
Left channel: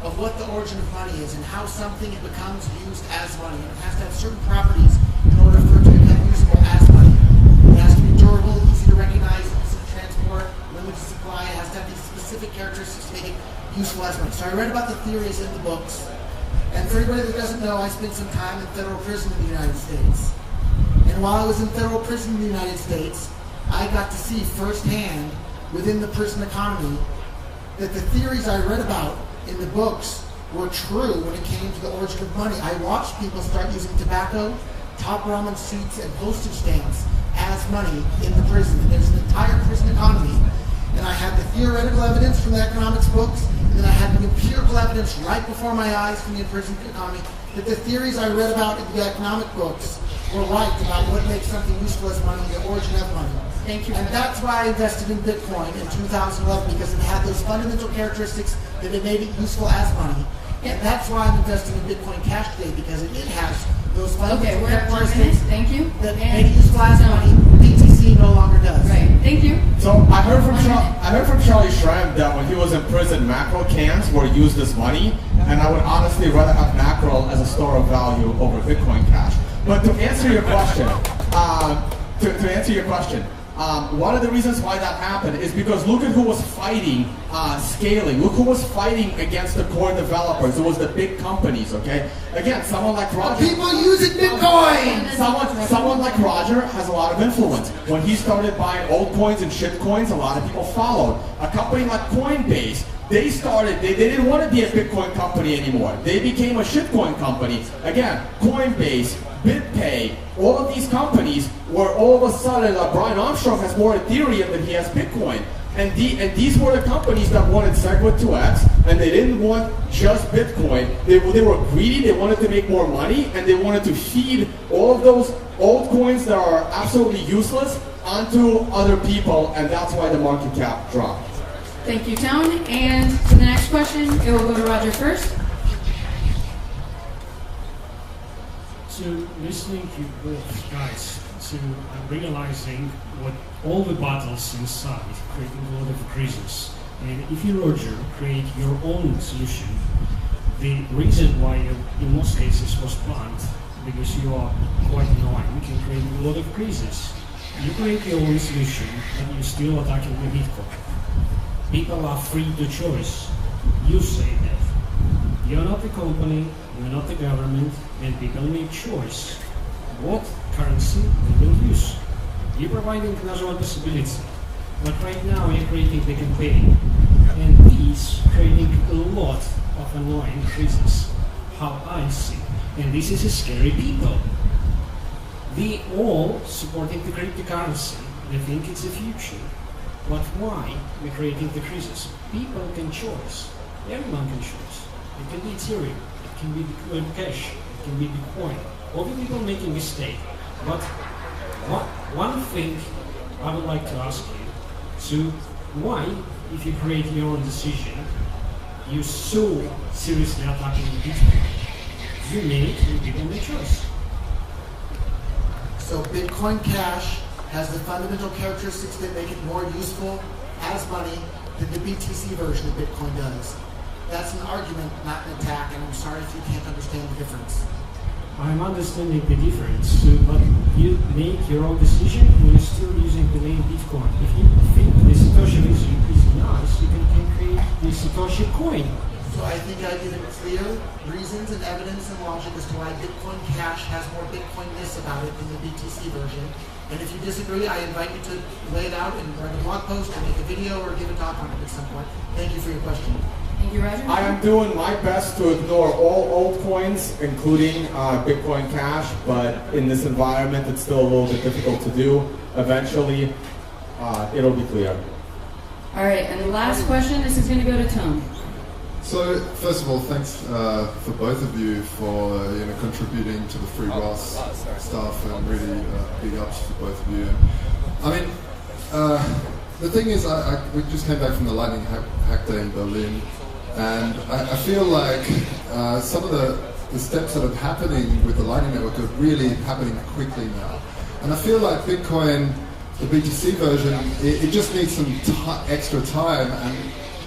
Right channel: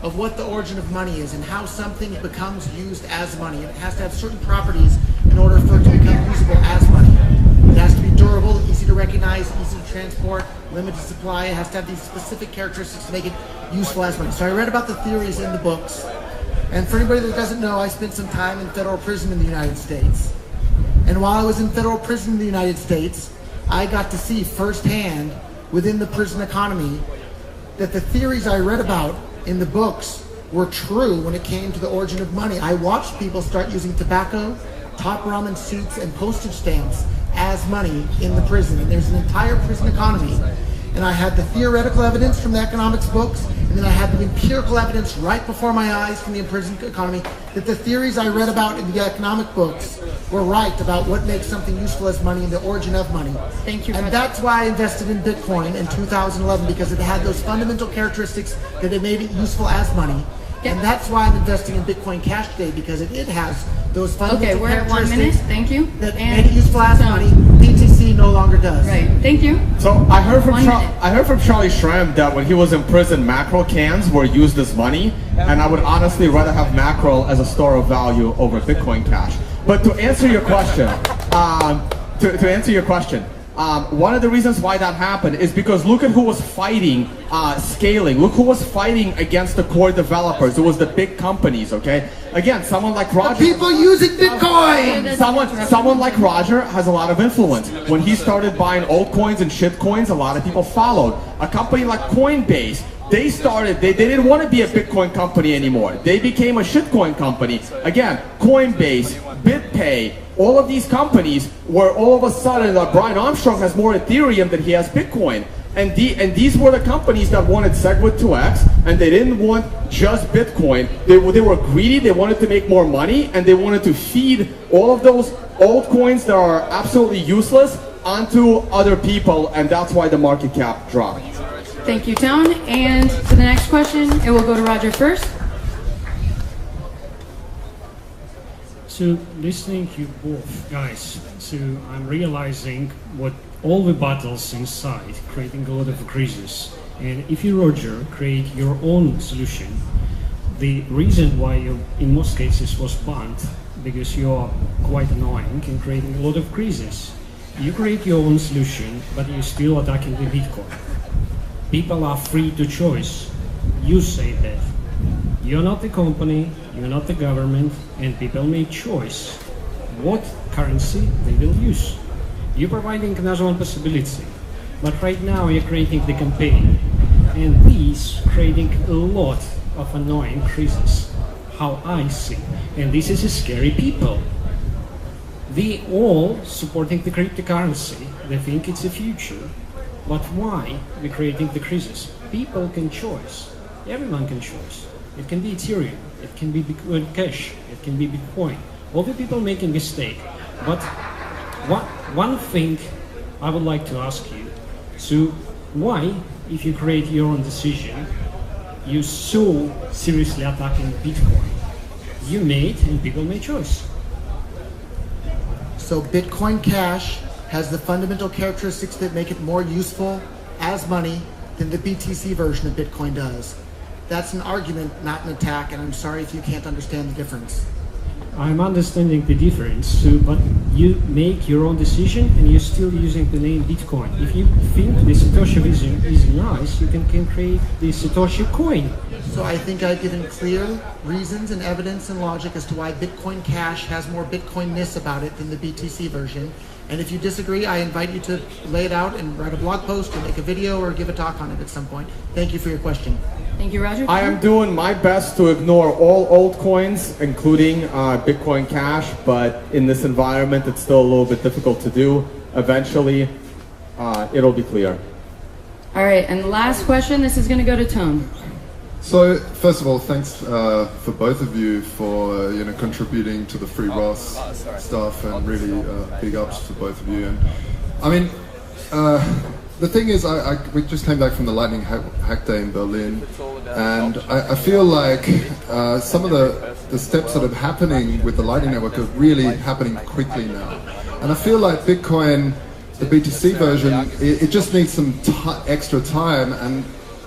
of what the origin of money is and how something becomes used as money. And it has to have certain properties in order for it to become usable as money. It has to be durable, easy to recognize, easy to transport, limited supply. It has to have these specific characteristics to make it useful as money. So I read about the theories in the books. And for anybody that doesn't know, I spent some time in federal prison in the United States. And while I was in federal prison in the United States, I got to see firsthand within the prison economy that the theories I read about in the books were true when it came to the origin of money. I watched people start using tobacco, top ramen soups, and postage stamps as money in the prison. And there's an entire prison economy. And I had the theoretical evidence from the economics books, and then I had the empirical evidence right before my eyes from the prison economy that the theories I read about in the economic books were right about what makes something useful as money and the origin of money. Thank you. And that's why I invested in Bitcoin in 2011, because it had those fundamental characteristics that it made it useful as money. Yep. And that's why I'm investing in Bitcoin Cash today, because it has those Okay, fundamental we're at 1 minute. characteristics Thank you. that And made it useful as so- money. BTC no longer does. Right. Thank you. So I heard from 1 minute. Charlie Schramm that when he was in prison, mackerel cans were used as money, and I would honestly rather have mackerel as a store of value over Bitcoin Cash. But to answer your question, one of the reasons why that happened is because look at who was fighting scaling. Look who was fighting against the core developers. It was the big companies, okay? Again, someone like Roger. People using Bitcoin! Someone like Roger has a lot of influence. When he started buying altcoins and shitcoins, a lot of people followed. A company like Coinbase, they didn't want to be a Bitcoin company anymore. They became a shitcoin company. Again, Coinbase, BitPay, all of these companies where all of a sudden Brian Armstrong has more Ethereum than he has Bitcoin. And these were the companies that wanted SegWit2x, and they didn't want just Bitcoin. They were greedy, they wanted to make more money, and they wanted to feed all of those old coins that are absolutely useless onto other people, and that's why the market cap dropped. Thank you, Tone. And for the next question, it will go to Roger first. So listening to you both guys, so I'm realizing what all the battles inside, creating a lot of crises. And if you, Roger, create your own solution, the reason why you, in most cases, was banned because you are quite annoying and creating a lot of creases. You create your own solution, but you're still attacking the Bitcoin. People are free to choose. You say that. You're not the company, you're not the government, and people make choice what currency they will use. You're providing another one possibility, but right now you're creating the campaign, and this creating a lot of annoying creases, how I see. And this is a scary people. They all supporting the cryptocurrency. They think it's the future. But why we're creating the creases? People can choose. Everyone can choose. It can be Ethereum. It can be Bitcoin Cash. It can be Bitcoin. All the people making mistake. But one thing I would like to ask you. So why, if you create your own decision, you so seriously attacking the Bitcoin? You made and people made choice. So Bitcoin Cash has the fundamental characteristics that make it more useful as money than the BTC version of Bitcoin does. That's an argument, not an attack, and I'm sorry if you can't understand the difference. I'm understanding the difference, so, but you make your own decision and you're still using the name Bitcoin. If you think the Satoshi vision is nice, you can create the Satoshi coin. So I think I've given clear reasons and evidence and logic as to why Bitcoin Cash has more Bitcoin-ness about it than the BTC version. And if you disagree, I invite you to lay it out and write a blog post or make a video or give a talk on it at some point. Thank you for your question. Thank you, Roger. I am doing my best to ignore all altcoins, including Bitcoin Cash, but in this environment, it's still a little bit difficult to do. Eventually, it'll be clear. All right, and the last question, this is going to go to Tone. So, first of all, thanks for both of you for contributing to the free Ross stuff, and really big ups to both of you. And I mean, the thing is, we just came back from the Lightning Hack Day in Berlin, and I feel like some of the steps that are happening with the Lightning Network are really happening quickly now. And I feel like Bitcoin, the BTC version, it just needs some extra time.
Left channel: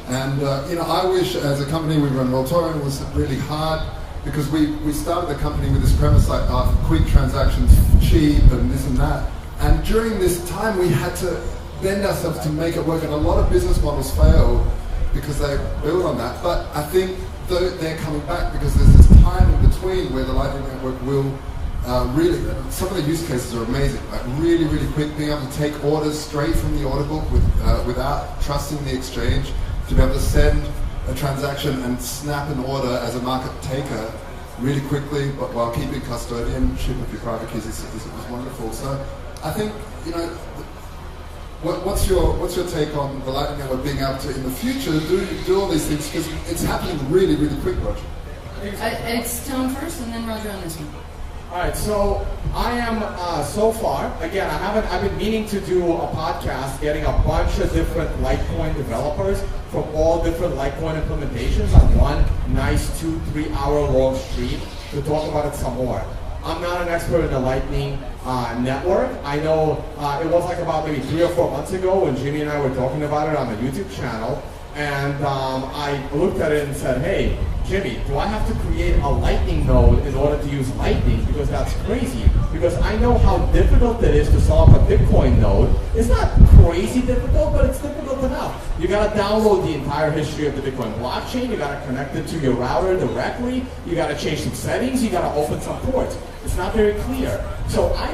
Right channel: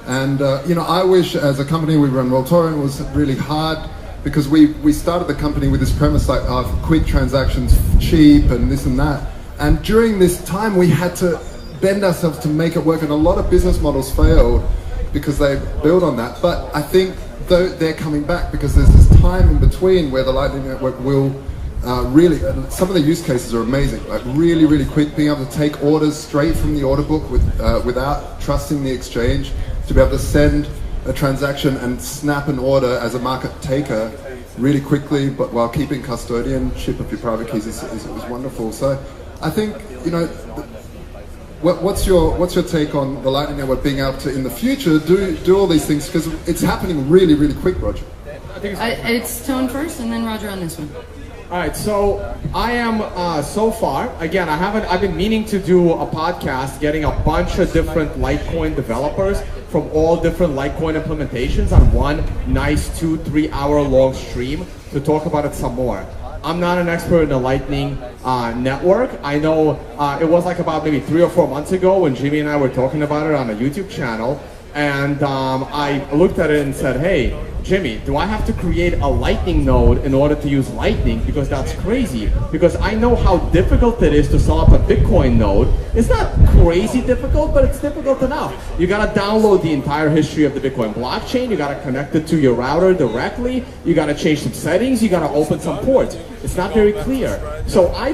And I wish, as a company, we run Rolltorrent, was really hard, because we started the company with this premise like quick transactions, cheap, and this and that. And during this time, we had to bend ourselves to make it work, and a lot of business models fail because they build on that. But I think they're coming back, because there's this time in between where the Lightning Network will really, some of the use cases are amazing, like really, really quick, being able to take orders straight from the order book without trusting the exchange, to be able to send a transaction and snap an order as a market taker really quickly, but while keeping custodianship of your private keys is wonderful. So I think, what's your take on the Lightning Network being able to, in the future, do all these things, because it's happening really, really quick, Roger? It's Tone first, and then Roger on this one. All right, so I am so far, again, I've been meaning to do a podcast, getting a bunch of different Litecoin developers from all different Litecoin implementations on one nice 2-3 hour long stream to talk about it some more. I'm not an expert in the Lightning network. I know it was like about maybe 3 or 4 months ago when Jimmy and I were talking about it on the YouTube channel, and I looked at it and said, hey, Jimmy, do I have to create a Lightning node in order to use Lightning? Because that's crazy. Because I know how difficult it is to set up a Bitcoin node. It's not crazy difficult, but it's difficult enough. You gotta download the entire history of the Bitcoin blockchain. You gotta connect it to your router directly. You gotta change some settings. You gotta open some ports. It's not very clear. So I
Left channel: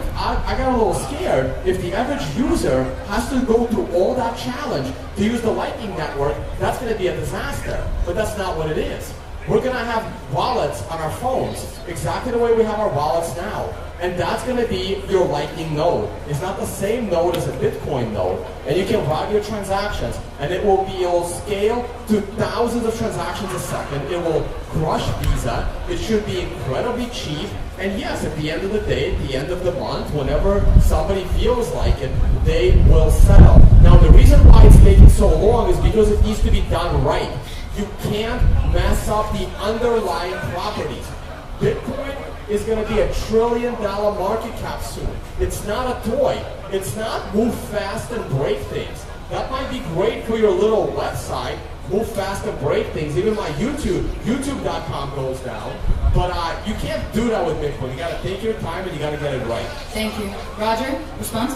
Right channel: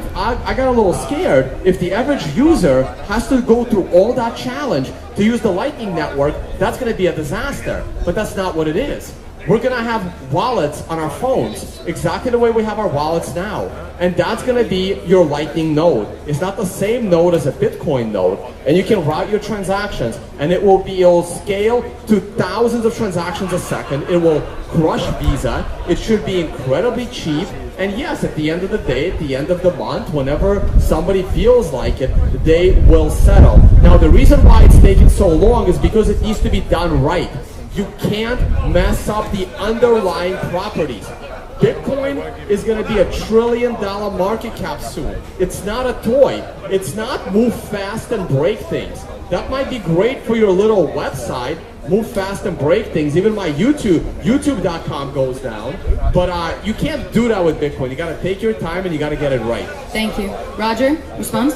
got a little scared. If the average user has to go through all that challenge to use the Lightning network, that's gonna be a disaster. But that's not what it is. We're gonna have wallets on our phones, exactly the way we have our wallets now. And that's gonna be your Lightning node. It's not the same node as a Bitcoin node. And you can route your transactions, and it will scale to thousands of transactions a second. It will crush Visa. It should be incredibly cheap. And yes, at the end of the day, at the end of the month, whenever somebody feels like it, they will settle. Now, the reason why it's taking so long is because it needs to be done right. You can't mess up the underlying properties. Bitcoin is going to be $1 trillion market cap soon. It's not a toy. It's not move fast and break things. That might be great for your little website, move fast and break things. Even my YouTube.com goes down. But you can't do that with Bitcoin. You got to take your time and you got to get it right. Thank you. Roger, response?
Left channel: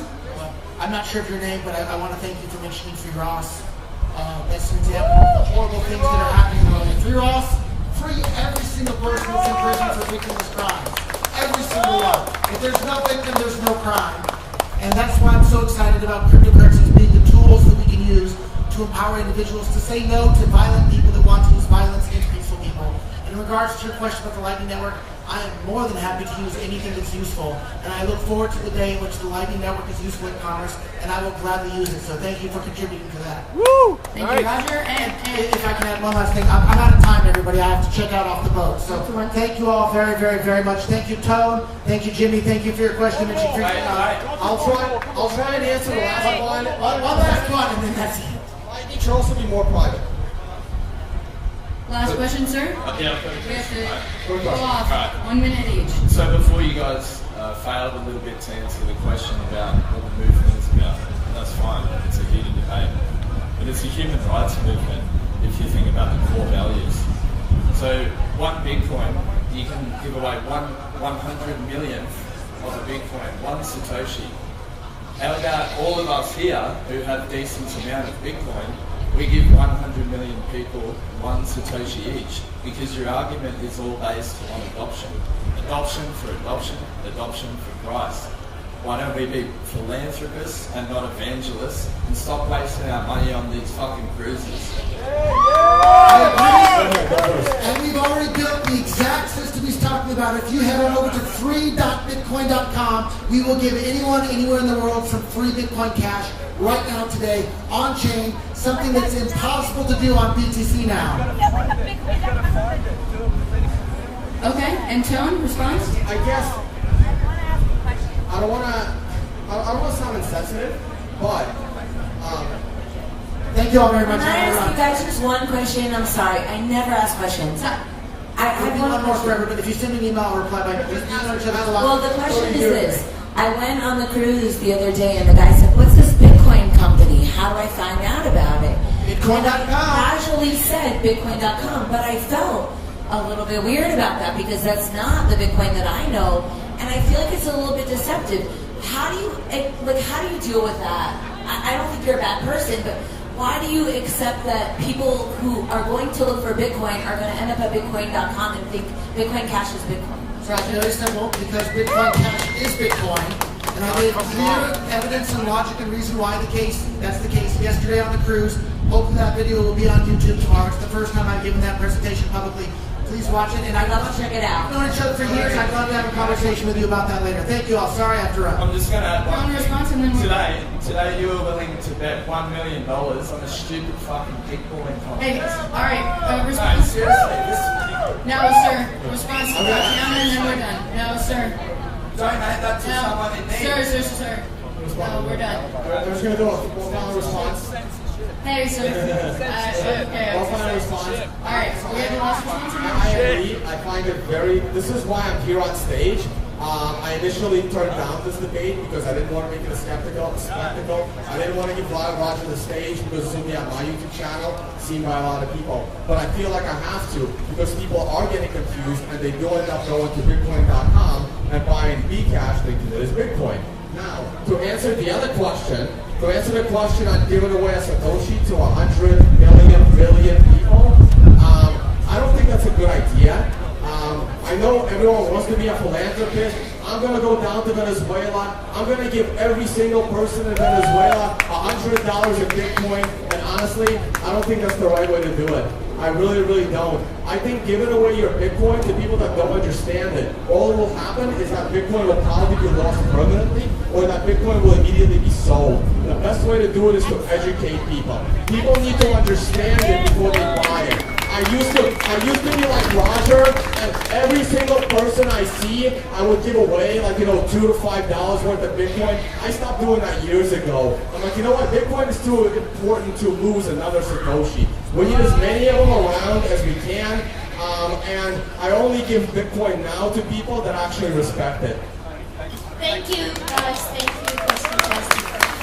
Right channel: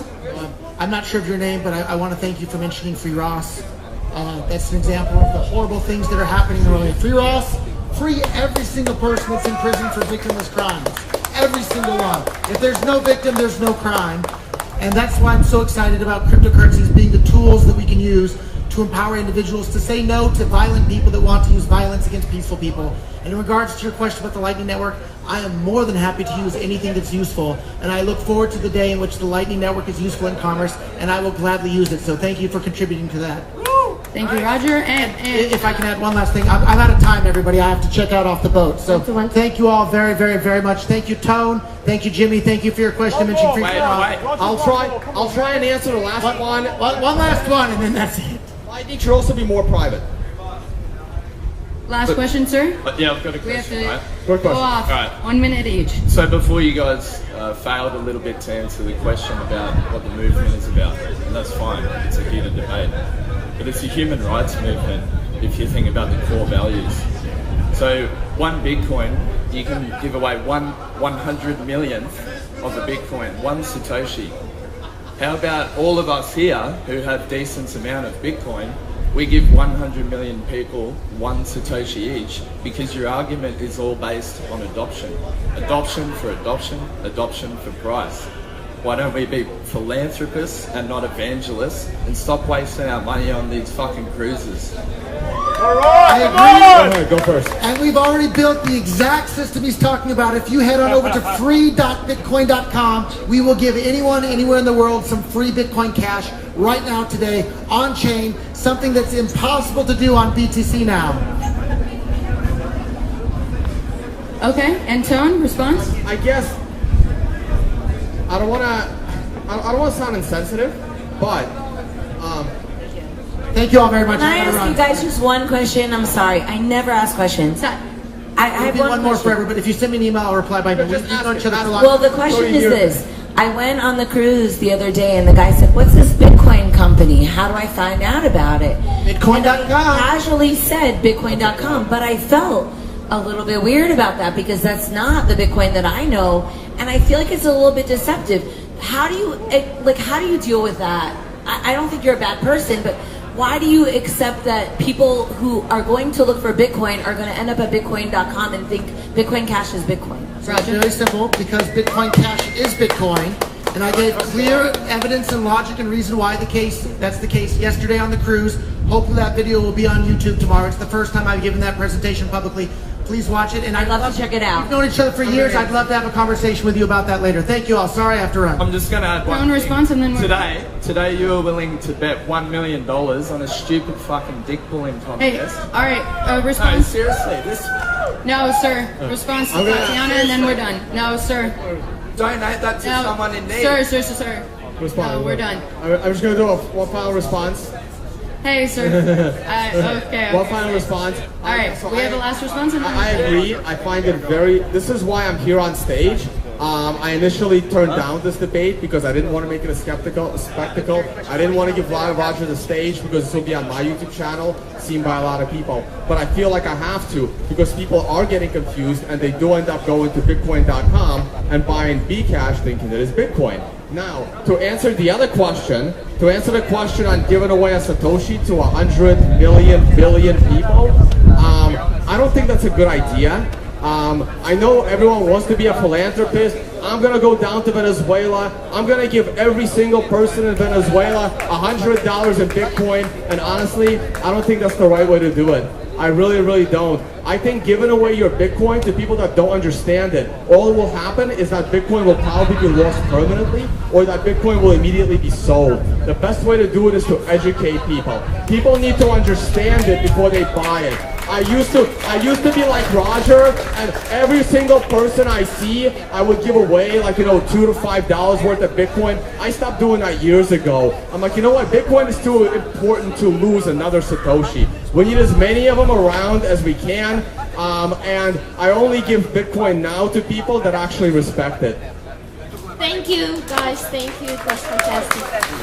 I'm not sure of your name, but I want to thank you for mentioning Free Ross. That's an example of the horrible things that are happening in the world. Free Ross, free every single person that's in prison for victimless crimes. Every single one. If there's no victim, there's no crime. And that's why I'm so excited about cryptocurrencies being the tools that we can use to empower individuals to say no to violent people that want to use violence against peaceful people. And in regards to your question about the Lightning Network, I am more than happy to use anything that's useful. And I look forward to the day in which the Lightning Network is useful in commerce, and I will gladly use it. So thank you for contributing to that. Thank you, Roger. And if I can add one last thing, I'm out of time, everybody. I have to check out off the boat. So thank you all very, very, very much. Thank you, Tone. Thank you, Jimmy. Thank you for your question. I'll try and answer the last one. One last one, and then that's it. Lightning should also be more private. last question, sir. Yeah, I've got a We have question. to go off. Right. 1 minute each. So before you guys failed a little bit to answer the question about what the movement is about, and that's fine, it's a heated debate. But it's a human rights movement if you think about the core values. So 1 Bitcoin, you can give away 1/100 millionth of a Bitcoin, 1 Satoshi. How about all of us here who have decent amount of Bitcoin, we give 100 million people 1 Satoshi each, because your argument is all based on adoption. Adoption for adoption, adoption for price. Why don't we be philanthropists and not evangelists and stop wasting our money on these fucking cruises? I agree. Go ahead, go first. And we've already built the exact system he's talking about. If you head on over to free.bitcoin.com, we will give anyone anywhere in the world some free Bitcoin Cash right now today on chain, something that's impossible to do on BTC now. Okay, and Tone, response? I guess I don't want to sound insensitive, but thank you all very much. Can I ask you guys just one question? I'm sorry, I never ask questions. I have one more question. for everybody. If you send me an email, I'll reply by email. Just We ask know it, each other ask for it. long. Well, the question is this. I went on the cruise the other day and the guy said, what's this Bitcoin company? How do I find out about it? Bitcoin.com. And I casually said Bitcoin.com, but I felt a little bit weird about that because that's not the Bitcoin that I know, and I feel like it's a little bit deceptive. How do you deal with that? I don't think you're a bad person, but why do you accept that people who are going to look for Bitcoin are going to end up at Bitcoin.com and think Bitcoin Cash is Bitcoin? So it's really simple, because Bitcoin Cash is Bitcoin, and I gave clear evidence and logic and reason why that's the case yesterday on the cruise. Hopefully that video will be on YouTube tomorrow. It's the first time I've given that presentation publicly. Please watch it, and I'd love to check it out. We've known each other for years. I'd love to have a conversation with you about that later. Thank you all. Sorry I have to run. I'm just going to add one Tone, thing. response, and then we're Today you were willing to bet $1 million on a stupid fucking dick pulling Hey, contest. all right, No, response. seriously, this No, sir. Response to Tatiana, and then we're done. No, sir. donate that to No, someone in need. sir. respond. No, we're done. I'm just gonna do one final response. Hey, sir. Okay. One final response. All right, we have the last response. I agree. I find it very. This is why I'm here on stage. I initially turned down this debate because I didn't want to make it a spectacle. I didn't want to give Roger the stage because this will be on my YouTube channel, seen by a lot of people. But I feel like I have to, because people are getting confused and they do end up going to Bitcoin.com and buying Bcash thinking that it's Bitcoin. Now, to answer the other question, on giving away a Satoshi to 100 million billion people, I don't think that's a good idea. I know everyone wants to be a philanthropist. I'm going to go down to Venezuela. I'm going to give every single person in Venezuela $100 in Bitcoin. And honestly, I don't think that's the right way to do it. I really, really don't. I think giving away your Bitcoin to people that don't understand it, all that will happen is that Bitcoin will probably be lost permanently, or that Bitcoin will immediately be sold. The best way to do it is to educate people. People need to understand it before they buy it. I used to be like Roger, and every single person I see, I would give away like, $2 to $5 worth of Bitcoin. I stopped doing that years ago. I'm like, you know what? Bitcoin is too important to lose another Satoshi. We need as many of them around as we can, and I only give Bitcoin now to people that actually respect it. Thank you, guys. Thank you. It was fantastic.